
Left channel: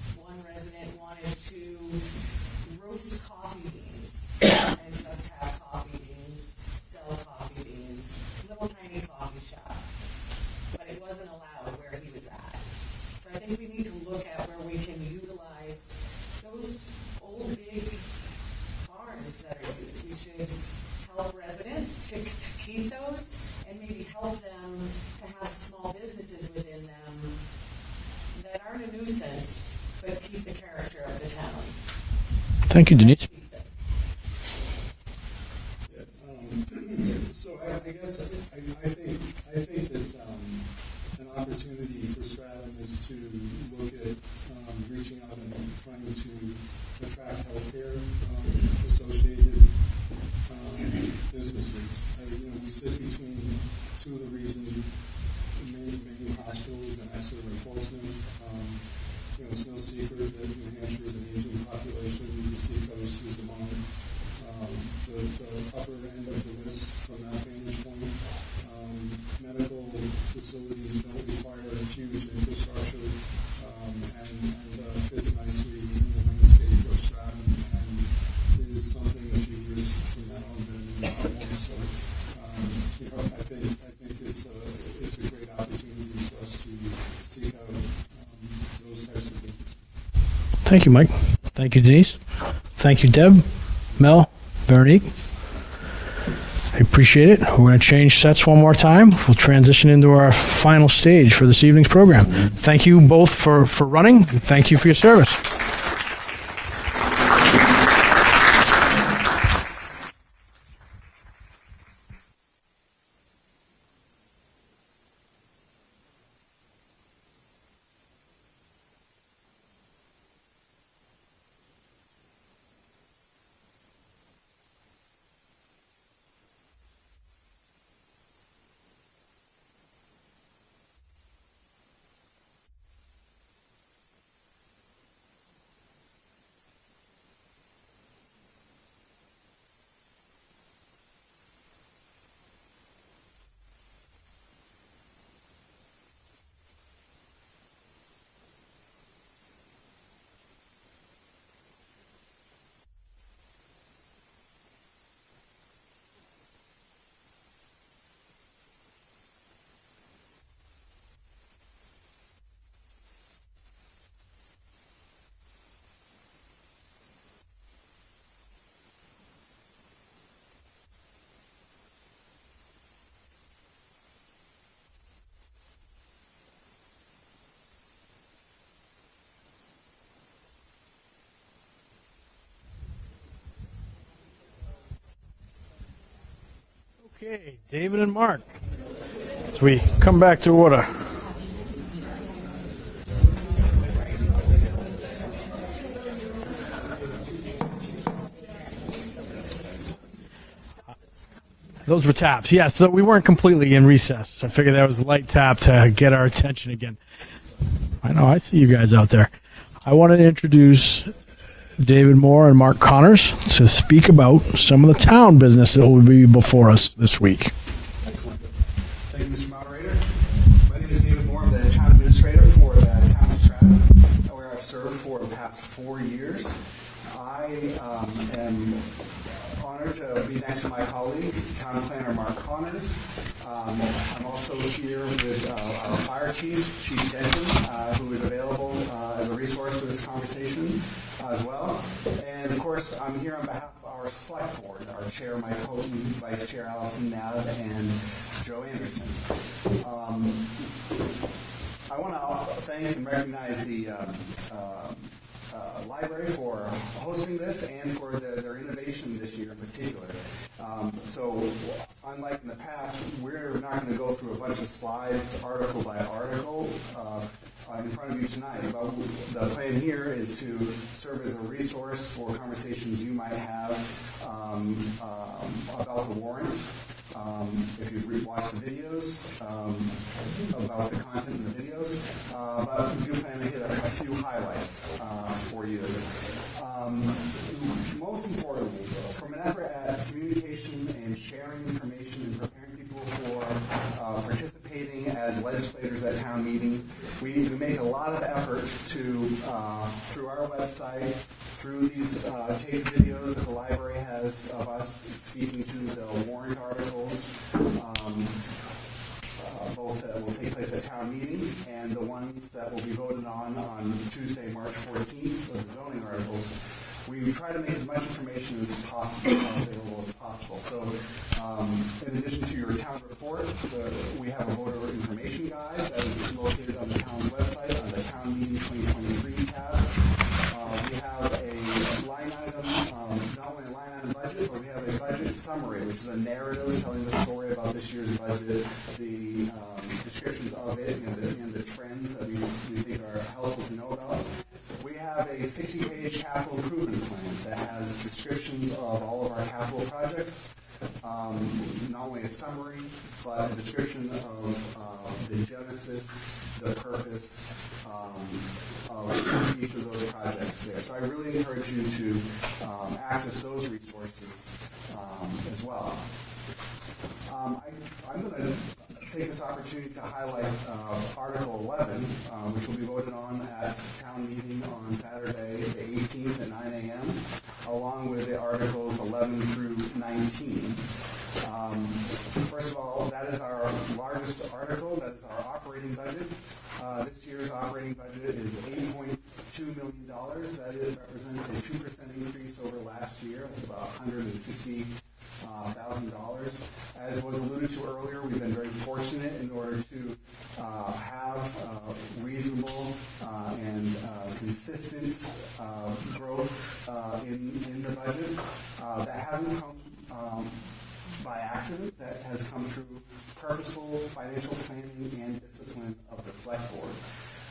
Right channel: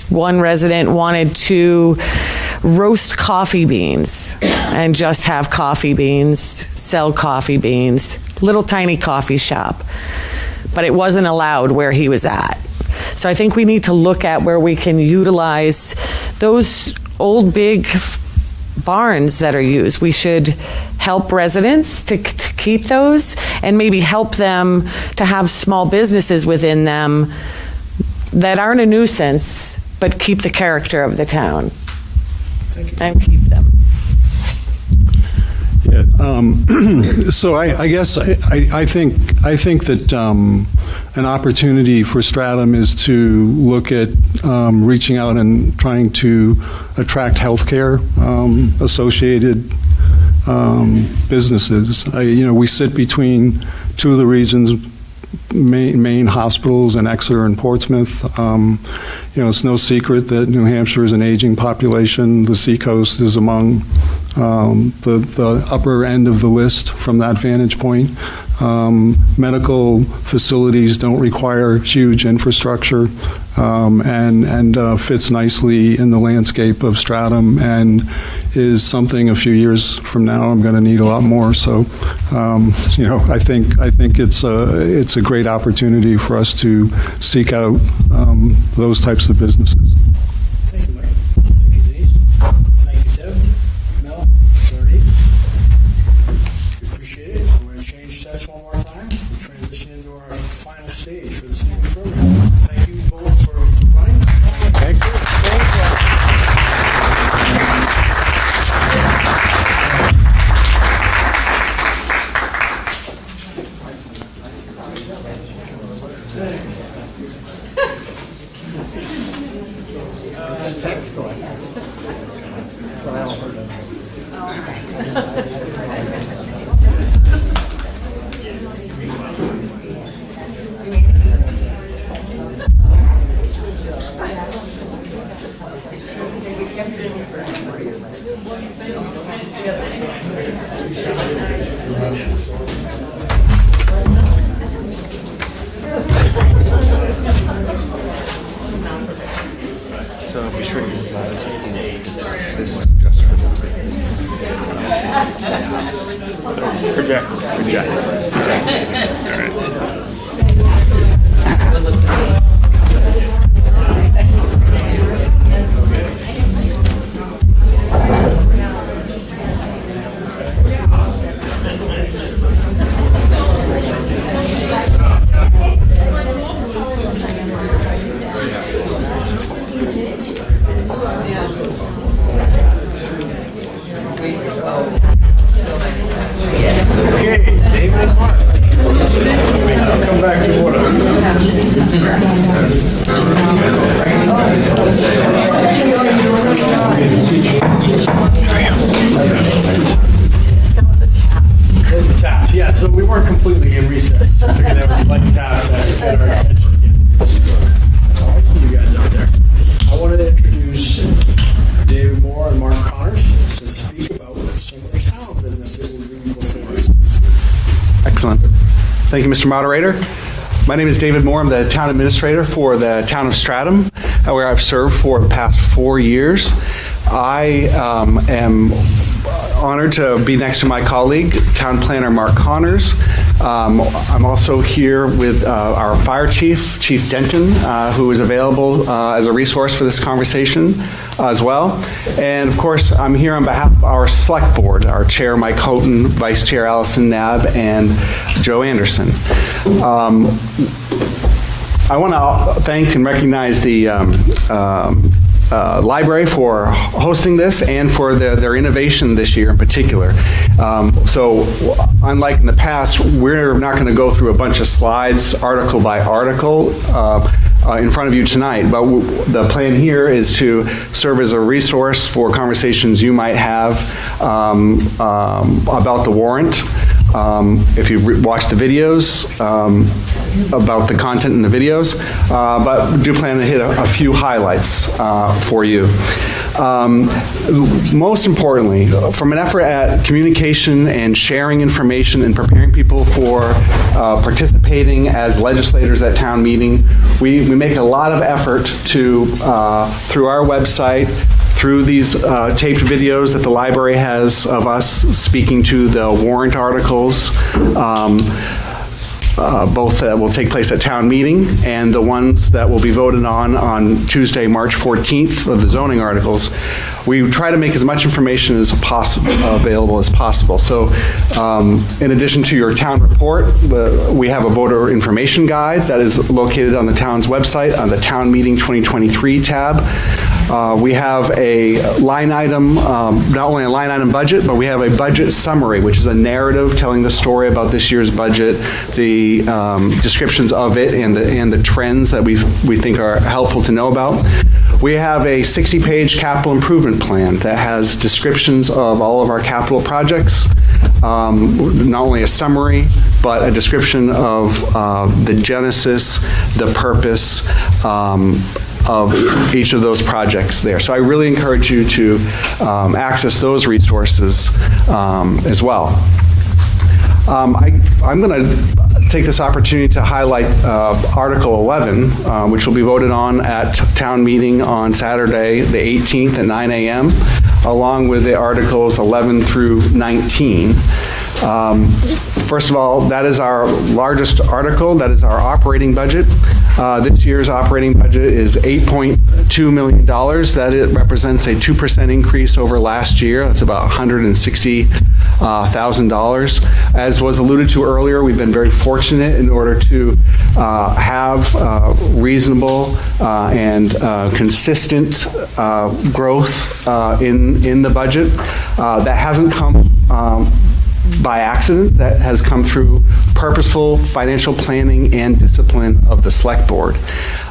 one resident wanted to roast coffee beans and just have coffee beans, sell coffee beans, little tiny coffee shop. But it wasn't allowed where he was at. So I think we need to look at where we can utilize those old big barns that are used. We should help residents to keep those and maybe help them to have small businesses within them that aren't a nuisance but keep the character of the town. Thank you, Dean. And keep them. Yeah, so I guess I think that an opportunity for Stratham is to look at reaching out and trying to attract healthcare associated businesses. We sit between two of the region's main hospitals in Exeter and Portsmouth. It's no secret that New Hampshire is an aging population. The Seacoast is among the upper end of the list from that vantage point. Medical facilities don't require huge infrastructure and fits nicely in the landscape of Stratham and is something a few years from now I'm going to need a lot more. So, I think it's a great opportunity for us to seek out those types of businesses. Thank you, Mike. Thank you, Denise. Thank you, Deb, Mel, Veronique. I appreciate it. We're going to change sets one more time. We'll transition into our final stage for this evening's program. Thank you both for running. Thank you for your service. So be sure to use that. This is just for project. Project. All right. Come back to order. Those were taps. Yeah, so we weren't completely in recess. I figured that was a light tap to get our attention again. I know, I see you guys out there. I wanted to introduce David Moore and Mark Connors to speak about some of the town business that will be before us this week. Excellent. Thank you, Mr. Moderator. My name is David Moore. I'm the town administrator for the town of Stratham, where I've served for the past 4 years. I am honored to be next to my colleague, town planner Mark Connors. I'm also here with our fire chief, Chief Denton, who is available as a resource for this conversation as well. And of course, I'm here on behalf of our select board, our chair, Mike Houghton, vice chair, Allison Knabb, and Joe Anderson. I want to thank and recognize the library for hosting this and for their innovation this year in particular. So unlike in the past, we're not going to go through a bunch of slides article by article in front of you tonight, but the plan here is to serve as a resource for conversations you might have about the warrant. If you've watched the videos, about the content in the videos, but we do plan to hit a few highlights for you. Most importantly, from an effort at communication and sharing information and preparing people for participating as legislators at town meeting, we make a lot of effort to, through our website, through these taped videos that the library has of us speaking to the warrant articles, both that will take place at town meeting and the ones that will be voted on Tuesday, March 14th of the zoning articles. We try to make as much information as available as possible. So in addition to your town report, we have a voter information guide that is located on the town's website on the Town Meeting 2023 tab. We have a line item, not only a line item budget, but we have a budget summary, which is a narrative telling the story about this year's budget, the descriptions of it, and the trends that we think are helpful to know about. We have a 60-page capital improvement plan that has descriptions of all of our capital projects, not only a summary, but a description of the genesis, the purpose, of each of those projects there. So I really encourage you to access those resources as well. I'm going to take this opportunity to highlight Article 11, which will be voted on at town meeting on Saturday, the 18th at 9 a.m., along with the Articles 11 through 19. First of all, that is our largest article. That is our operating budget. This year's operating budget is $8.2 million. That it represents a 2% increase over last year. That's about $160,000. As was alluded to earlier, we've been very fortunate in order to have reasonable and consistent growth in the budget. That hasn't come by accident. That has come through purposeful financial planning and discipline of the select board.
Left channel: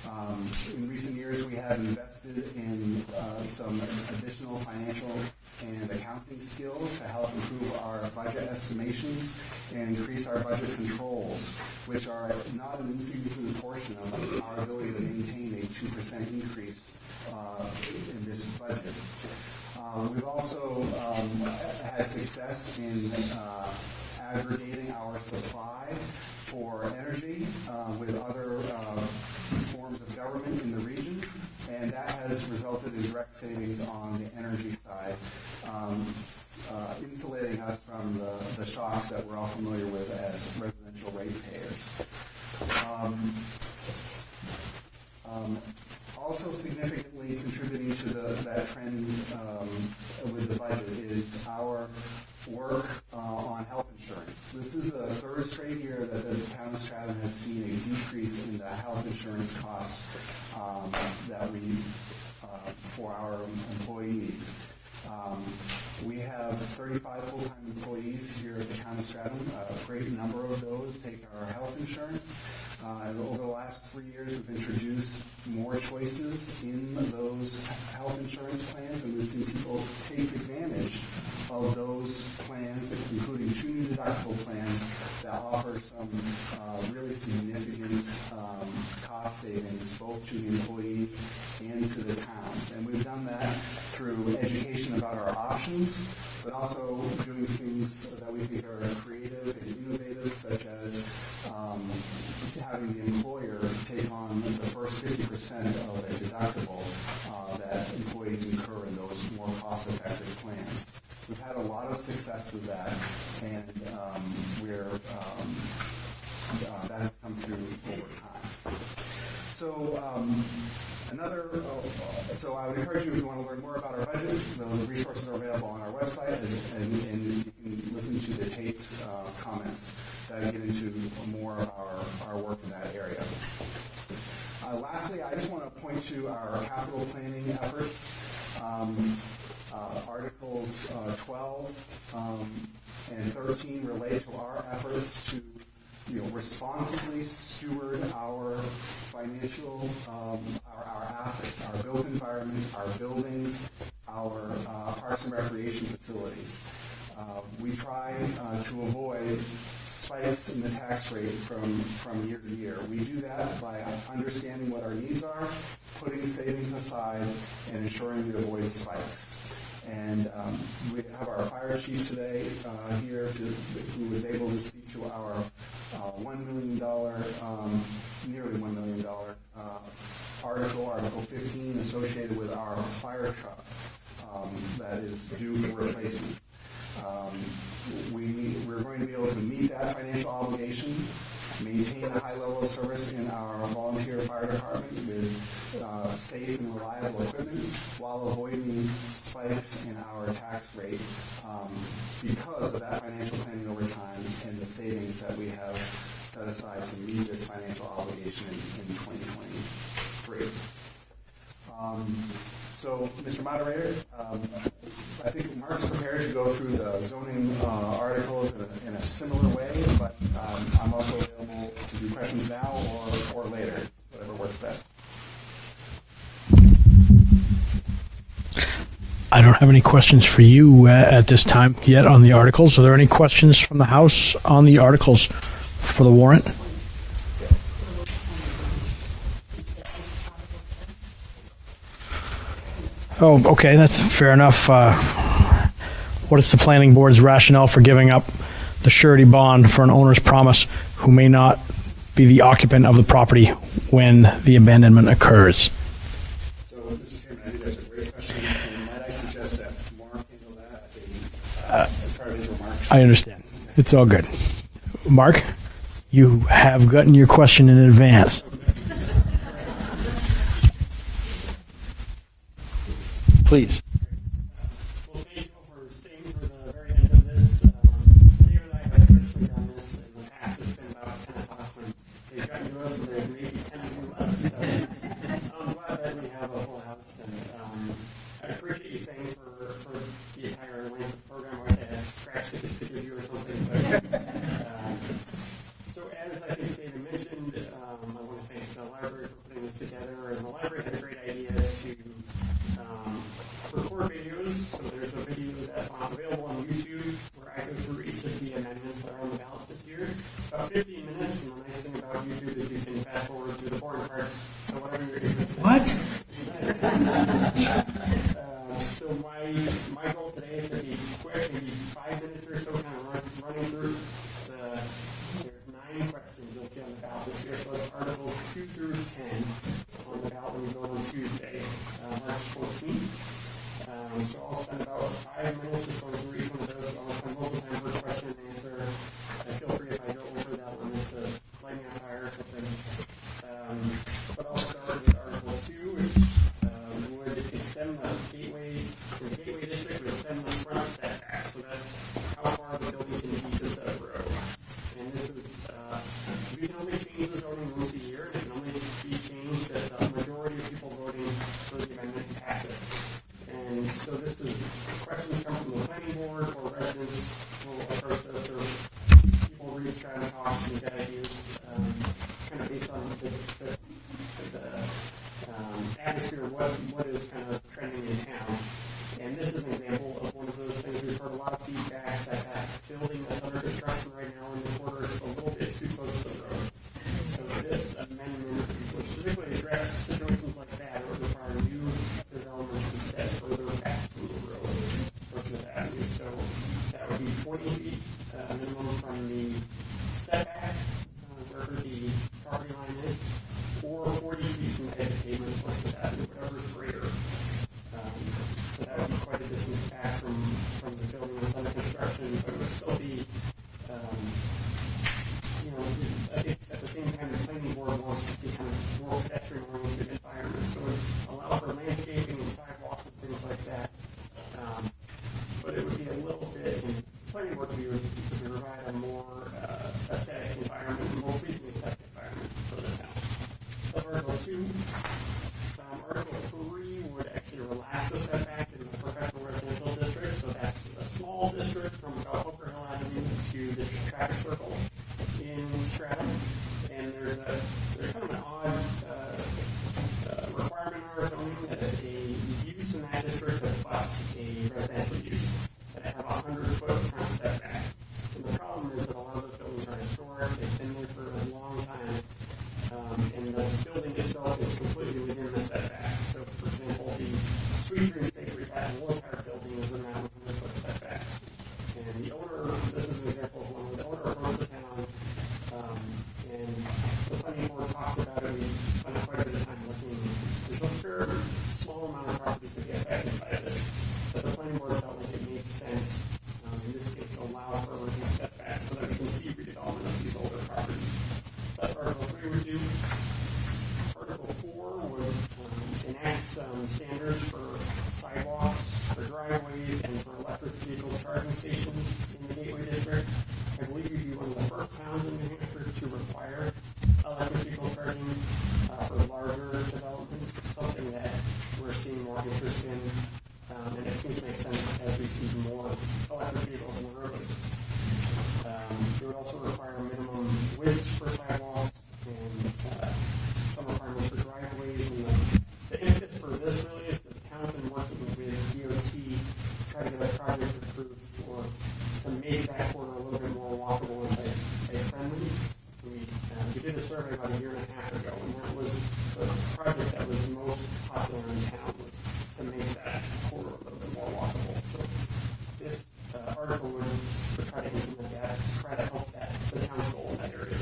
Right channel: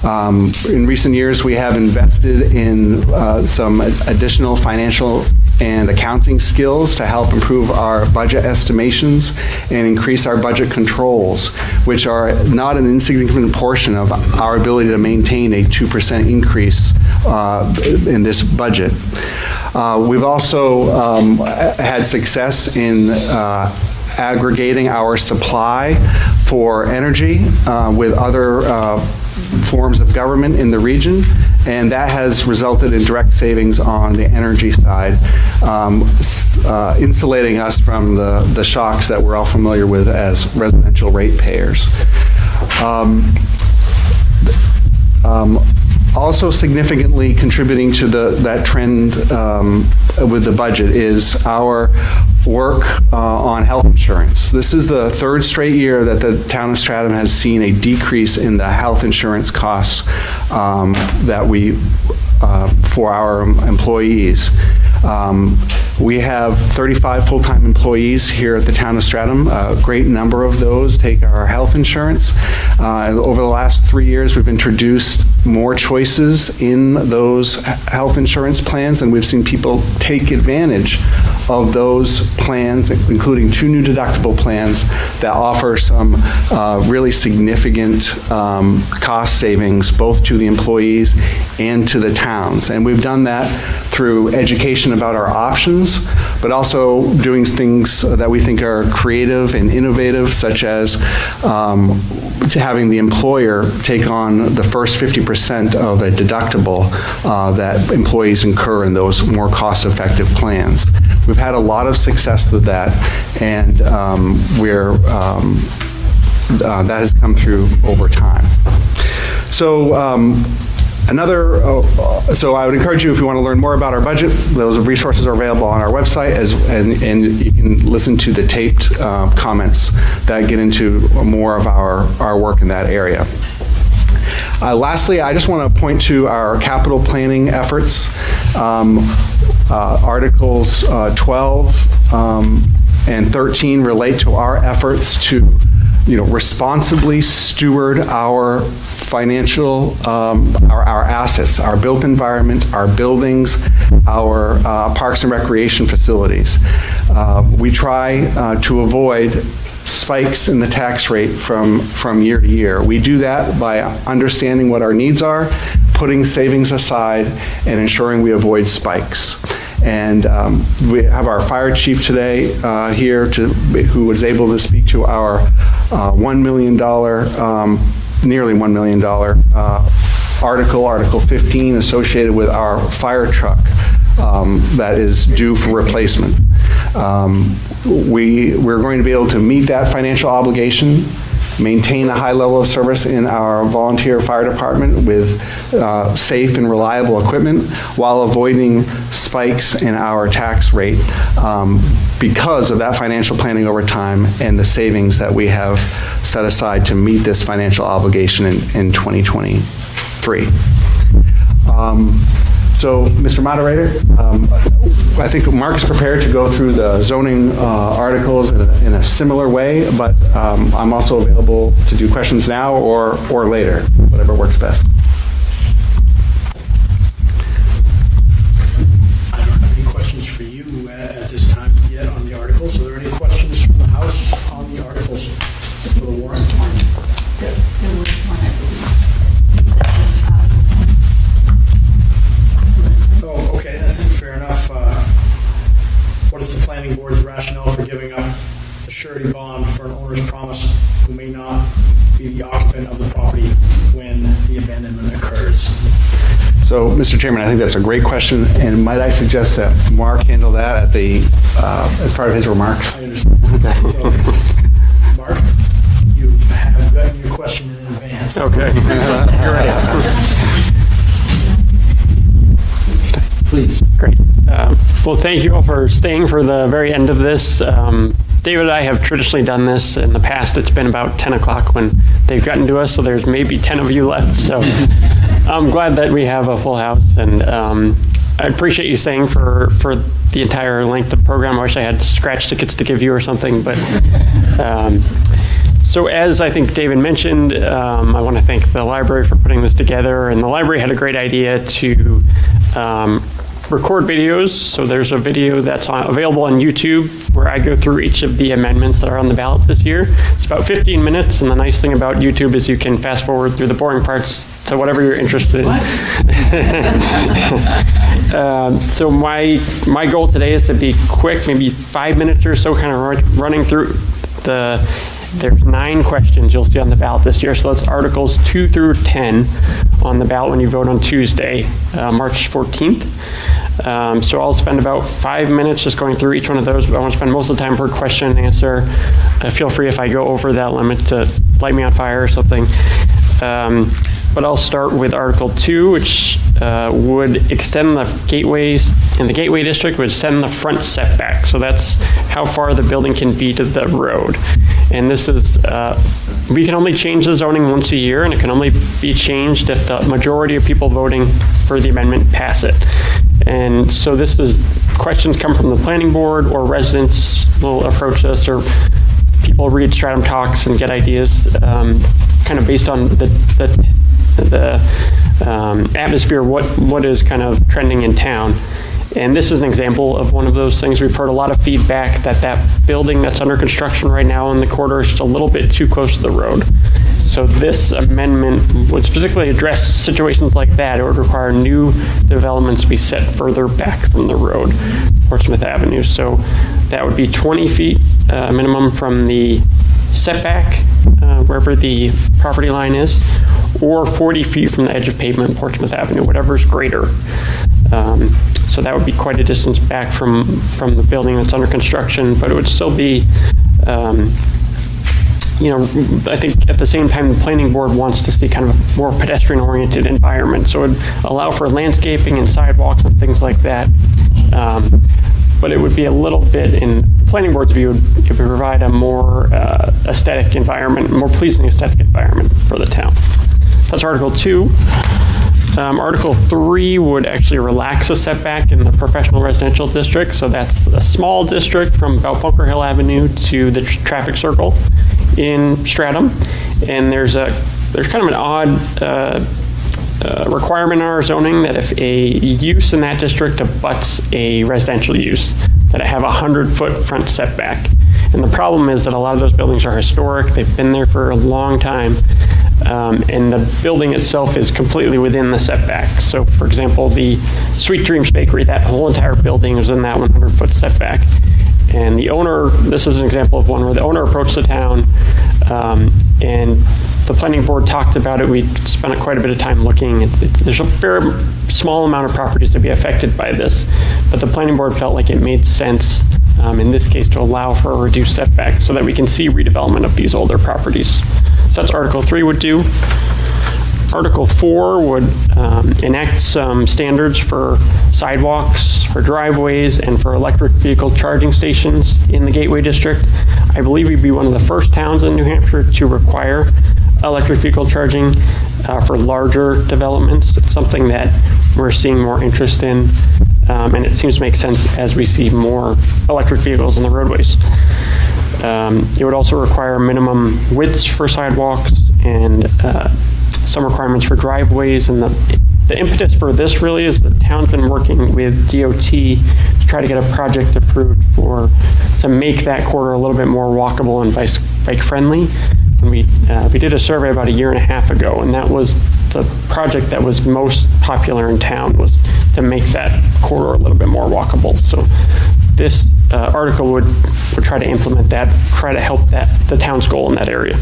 In recent years, we have invested in some additional financial and accounting skills to help improve our budget estimations and increase our budget controls, which are not an insignificant portion of our ability to maintain a 2% increase in this budget. We've also had success in aggregating our supply for energy with other forms of government in the region, and that has resulted in direct savings on the energy side, insulating us from the shocks that we're all familiar with as residential ratepayers. Also significantly contributing to that trend with the budget is our work on health insurance. This is the third straight year that the town of Stratham has seen a decrease in the health insurance costs that we for our employees. We have 35 full-time employees here at the town of Stratham. A great number of those take our health insurance. Over the last 3 years, we've introduced more choices in those health insurance plans, and we've seen people take advantage of those plans, including 2 new deductible plans that offer some really significant cost savings, both to the employees and to the towns. And we've done that through education about our options, but also doing things that we think are creative and innovative, such as having the employer take on the first 50% of a deductible that employees incur in those more cost-effective plans. We've had a lot of success with that, and that has come through over time. So so I would encourage you, if you want to learn more about our budget, those resources are available on our website, and you can listen to the taped comments that get into more of our work in that area. Lastly, I just want to point to our capital planning efforts. Articles 12 and 13 relate to our efforts to responsibly steward our financial, our assets, our built environment, our buildings, our parks and recreation facilities. We try to avoid spikes in the tax rate from year to year. We do that by understanding what our needs are, putting savings aside, and ensuring we avoid spikes. And we have our fire chief today here who was able to speak to our $1 million, nearly $1 million Article 15 associated with our fire truck that is due for replacement. We're going to be able to meet that financial obligation, maintain a high level of service in our volunteer fire department with safe and reliable equipment while avoiding spikes in our tax rate because of that financial planning over time and the savings that we have set aside to meet this financial obligation in 2023. So, Mr. Moderator, I think Mark is prepared to go through the zoning articles in a similar way, but I'm also available to do questions now or later, whatever works best. I don't have any questions for you at this time yet on the articles. Are there any questions from the House on the articles for the warrant? Oh, okay, that's fair enough. What is the planning board's rationale for giving up the surety bond for an owner's promise who may not be the occupant of the property when the abandonment occurs? So, Mr. Chairman, I think that's a great question, and might I suggest that Mark handle that at as part of his remarks? I understand. It's all good. Mark, you have gotten your question in advance. Okay. You're ready. Please. Great. Well, thank you all for staying for the very end of this. David and I have traditionally done this. In the past, it's been about 10 o'clock when they've gotten to us, so there's maybe 10 of you left. So I'm glad that we have a full house, and I appreciate you staying for the entire length of the program. I wish I had scratch tickets to give you or something, but so as I think David mentioned, I want to thank the library for putting this together, and the library had a great idea to record videos. So there's a video that's available on YouTube where I go through each of the amendments that are on the ballot this year. It's about 15 minutes, and the nice thing about YouTube is you can fast forward through the boring parts to whatever you're interested in. So my goal today is to be quick, maybe 5 minutes or so, kind of running through the There's 9 questions you'll see on the ballot this year. So that's Articles 2 through 10 on the ballot when you vote on Tuesday, March 14th. So I'll spend about 5 minutes just going through each one of those, but I want to spend most of the time per question and answer. Feel free if I go over that limit to light me on fire or something. But I'll start with Article 2, which would extend the gateways in the Gateway District, would extend the front setback. So that's how far the building can be to the road. And this is, we can only change the zoning once a year, and it can only be changed if the majority of people voting for the amendment pass it. And so this is, questions come from the planning board, or residents will approach us, or people read Stratham Talks and get ideas kind of based on the atmosphere, what is kind of trending in town. And this is an example of one of those things. We've heard a lot of feedback that building that's under construction right now in the corridor is just a little bit too close to the road. So this amendment would specifically address situations like that. It would require new developments to be set further back from the road, Portsmouth Avenue. So that would be 20 feet minimum from the setback, wherever the property line is, or 40 feet from the edge of pavement, Portsmouth Avenue, whatever's greater. So that would be quite a distance back from the building that's under construction, but it would still be, I think at the same time, the planning board wants to see kind of a more pedestrian-oriented environment. So it would allow for landscaping and sidewalks and things like that. But it would be a little bit, in the planning board's view, it would provide a more aesthetic environment, more pleasing aesthetic environment for the town. That's Article 2. Article 3 would actually relax a setback in the professional residential district. So that's a small district from about Bunker Hill Avenue to the traffic circle in Stratham. And there's kind of an odd requirement in our zoning that if a use in that district abuts a residential use, that it have a 100-foot front setback. And the problem is that a lot of those buildings are historic. They've been there for a long time. And the building itself is completely within the setback. So, for example, the Sweet Dreams Bakery, that whole entire building is in that 100-foot setback. And the owner, this is an example of one where the owner approached the town, and the planning board talked about it. We spent quite a bit of time looking. There's a very small amount of properties to be affected by this, but the planning board felt like it made sense in this case to allow for a reduced setback so that we can see redevelopment of these older properties. So that's Article 3 would do. Article 4 would enact some standards for sidewalks, for driveways, and for electric vehicle charging stations in the Gateway District. I believe we'd be one of the first towns in New Hampshire to require electric vehicle charging for larger developments. It's something that we're seeing more interest in, and it seems to make sense as we see more electric vehicles in the roadways. It would also require minimum widths for sidewalks and some requirements for driveways. And the impetus for this really is the town's been working with DOT to try to get a project approved to make that corridor a little bit more walkable and bike friendly. And we did a survey about 1.5 years ago, and that was the project that was most popular in town, was to make that corridor a little bit more walkable. So this article would try to implement that, try to help the town's goal in that area.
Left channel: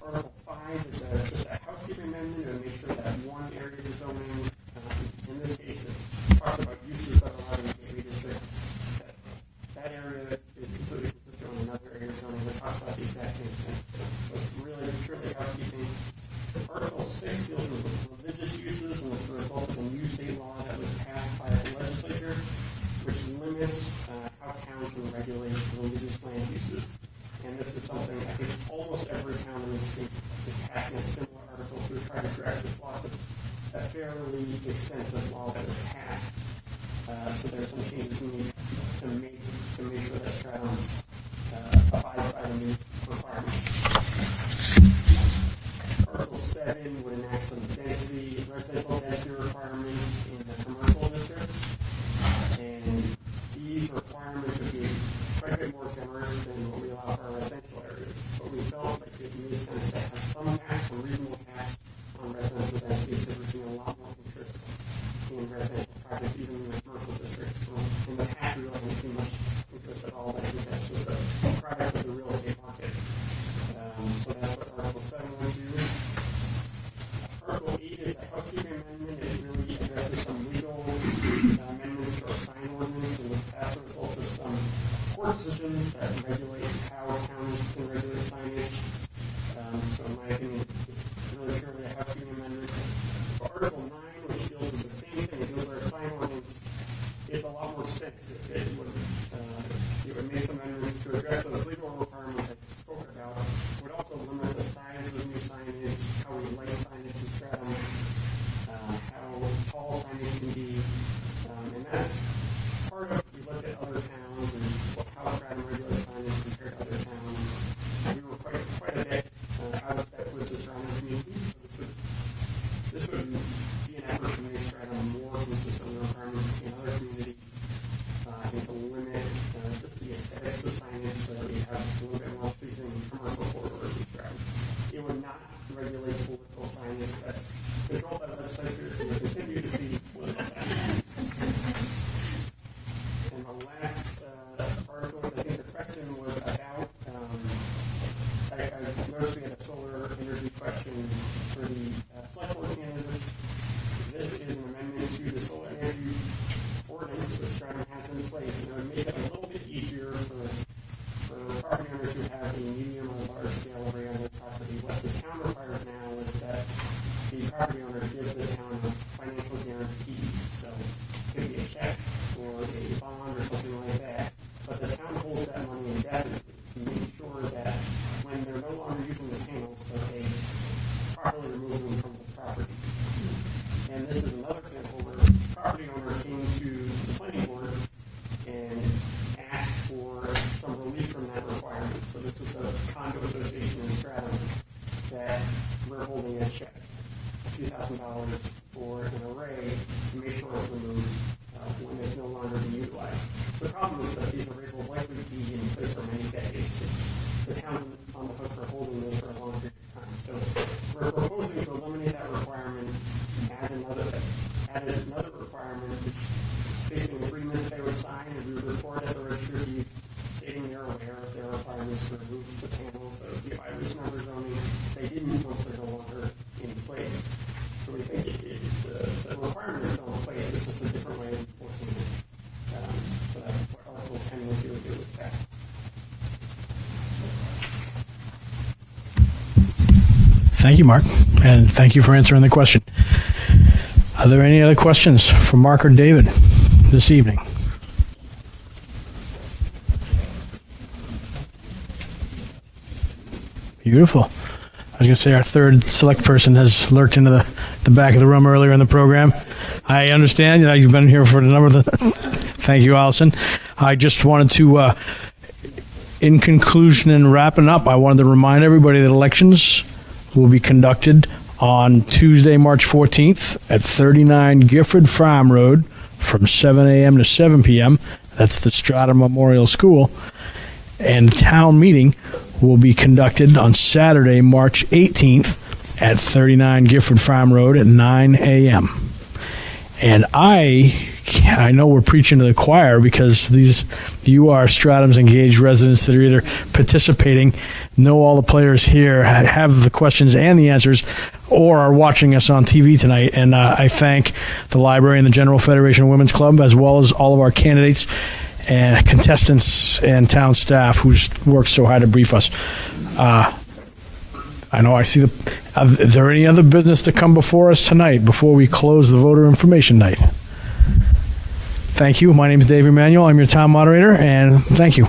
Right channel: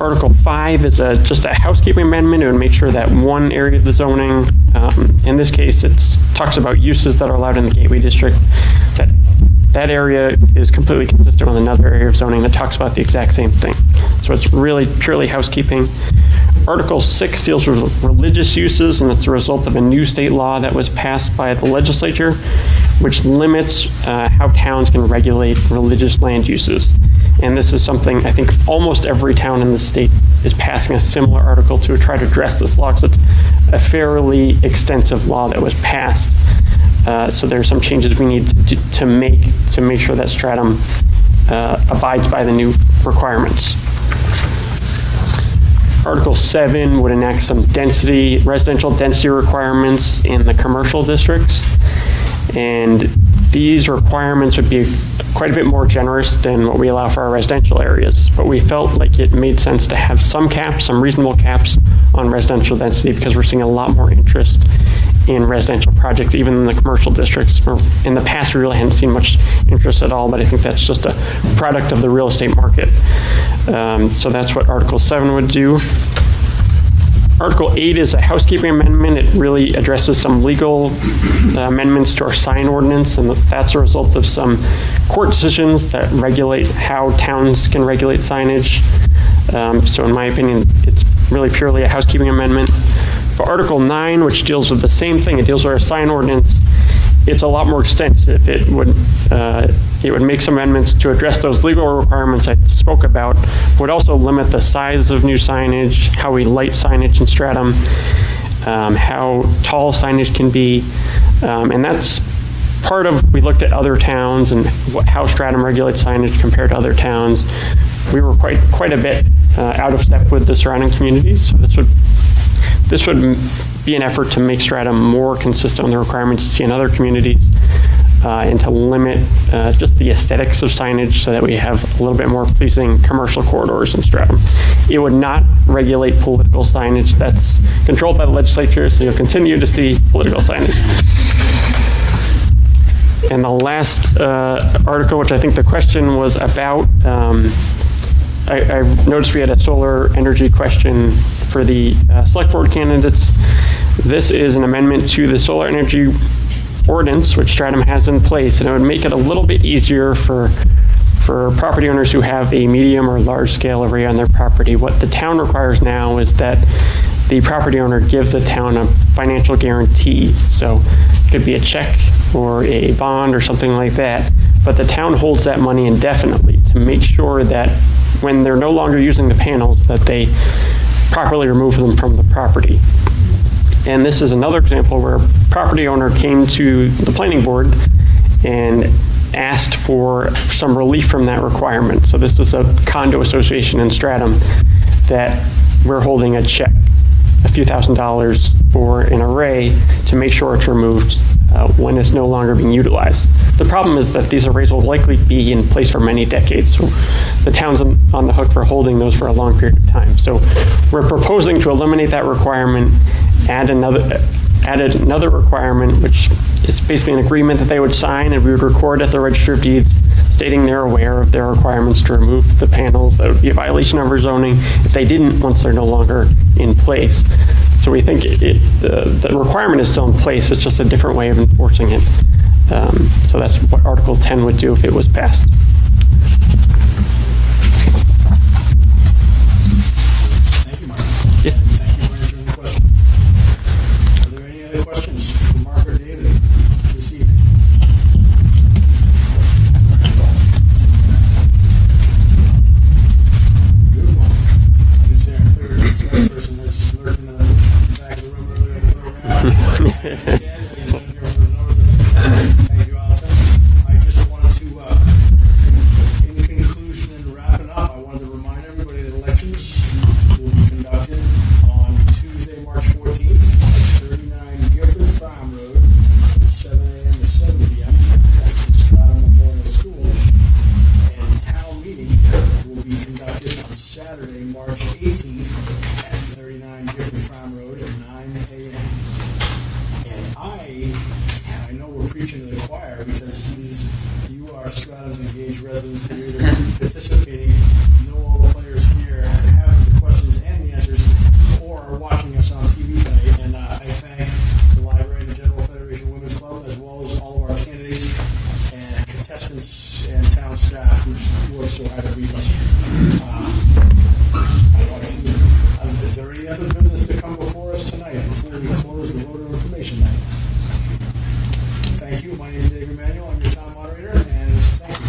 Article 5 is just a housekeeping amendment. It would make sure that one area of the zoning, in this case, it talks about uses that are allowed in the Gateway District, that area is completely consistent with another area of zoning that talks about the exact same thing. So it's really purely housekeeping. Article 6 deals with religious uses, and it's a result of a new state law that was passed by the legislature, which limits how towns can regulate religious land uses. And this is something I think almost every town in the state is passing a similar article to try to address this law, because it's a fairly extensive law that was passed. So there are some changes we need to make sure that Stratham abides by the new requirements. Article 7 would enact some residential density requirements in the commercial districts. And these requirements would be quite a bit more generous than what we allow for our residential areas. But we felt like it made sense to have some caps, some reasonable caps on residential density, because we're seeing a lot more interest in residential projects, even in the commercial districts. Or in the past, we really hadn't seen much interest at all, but I think that's just a product of the real estate market. So that's what Article 7 would do. Article 8 is a housekeeping amendment. It really addresses some legal amendments to our sign ordinance, and that's a result of some court decisions that regulate how towns can regulate signage. So in my opinion, it's really purely a housekeeping amendment. For Article 9, which deals with the same thing, it deals with our sign ordinance, it's a lot more extensive. It would make some amendments to address those legal requirements I spoke about, would also limit the size of new signage, how we light signage in Stratham, how tall signage can be, and that's part of, we looked at other towns and how Stratham regulates signage compared to other towns. We were quite a bit out of step with the surrounding communities, so this would be an effort to make Stratham more consistent with the requirements you see in other communities, and to limit just the aesthetics of signage so that we have a little bit more pleasing commercial corridors in Stratham. It would not regulate political signage. That's controlled by the legislature, so you'll continue to see political signage. And the last article, which I think the question was about, I noticed we had a solar energy question for the select board candidates. This is an amendment to the solar energy ordinance, which Stratham has in place, and it would make it a little bit easier for property owners who have a medium or large scale array on their property. What the town requires now is that the property owner give the town a financial guarantee. So it could be a check or a bond or something like that, but the town holds that money indefinitely to make sure that when they're no longer using the panels, that they properly remove them from the property. And this is another example where a property owner came to the planning board and asked for some relief from that requirement. So this is a condo association in Stratham that we're holding a check, a few $1,000s for an array to make sure it's removed when it's no longer being utilized. The problem is that these arrays will likely be in place for many decades. So the town's on the hook for holding those for a long period of time. So we're proposing to eliminate that requirement, add another requirement, which is basically an agreement that they would sign and we would record at the Register of Deeds stating they're aware of their requirements to remove the panels. That would be a violation of our zoning if they didn't once they're no longer in place. So we think the requirement is still in place, it's just a different way of enforcing it. So that's what Article 10 would do if it was passed. Thank you, Mark, and thank you for answering the question. Are there any other questions for Mark or David this evening? Beautiful. I was going to say our third select person has lurked into the back of the room earlier in the program. I understand. You've been here for a number of the... Thank you, Allison. I just wanted to, in conclusion and wrapping up, I wanted to remind everybody that elections will be conducted on Tuesday, March 14th at 39 Gifford Farm Road from 7 a.m. to 7 p.m. That's the Stratham Memorial School. And town meeting will be conducted on Saturday, March 18th at 39 Gifford Farm Road at 9 a.m. And I know we're preaching to the choir because you are Stratham's engaged residents that are either participating, know all the players here, have the questions and the answers, or are watching us on TV tonight. And I thank the library and the General Federation of Women's Club, as well as all of our candidates and contestants and town staff who's worked so hard to brief us. I know I see is there any other business to come before us tonight before we close the voter information night? Thank you. My name is Dave Emanuel. I'm your town moderator, and thank you.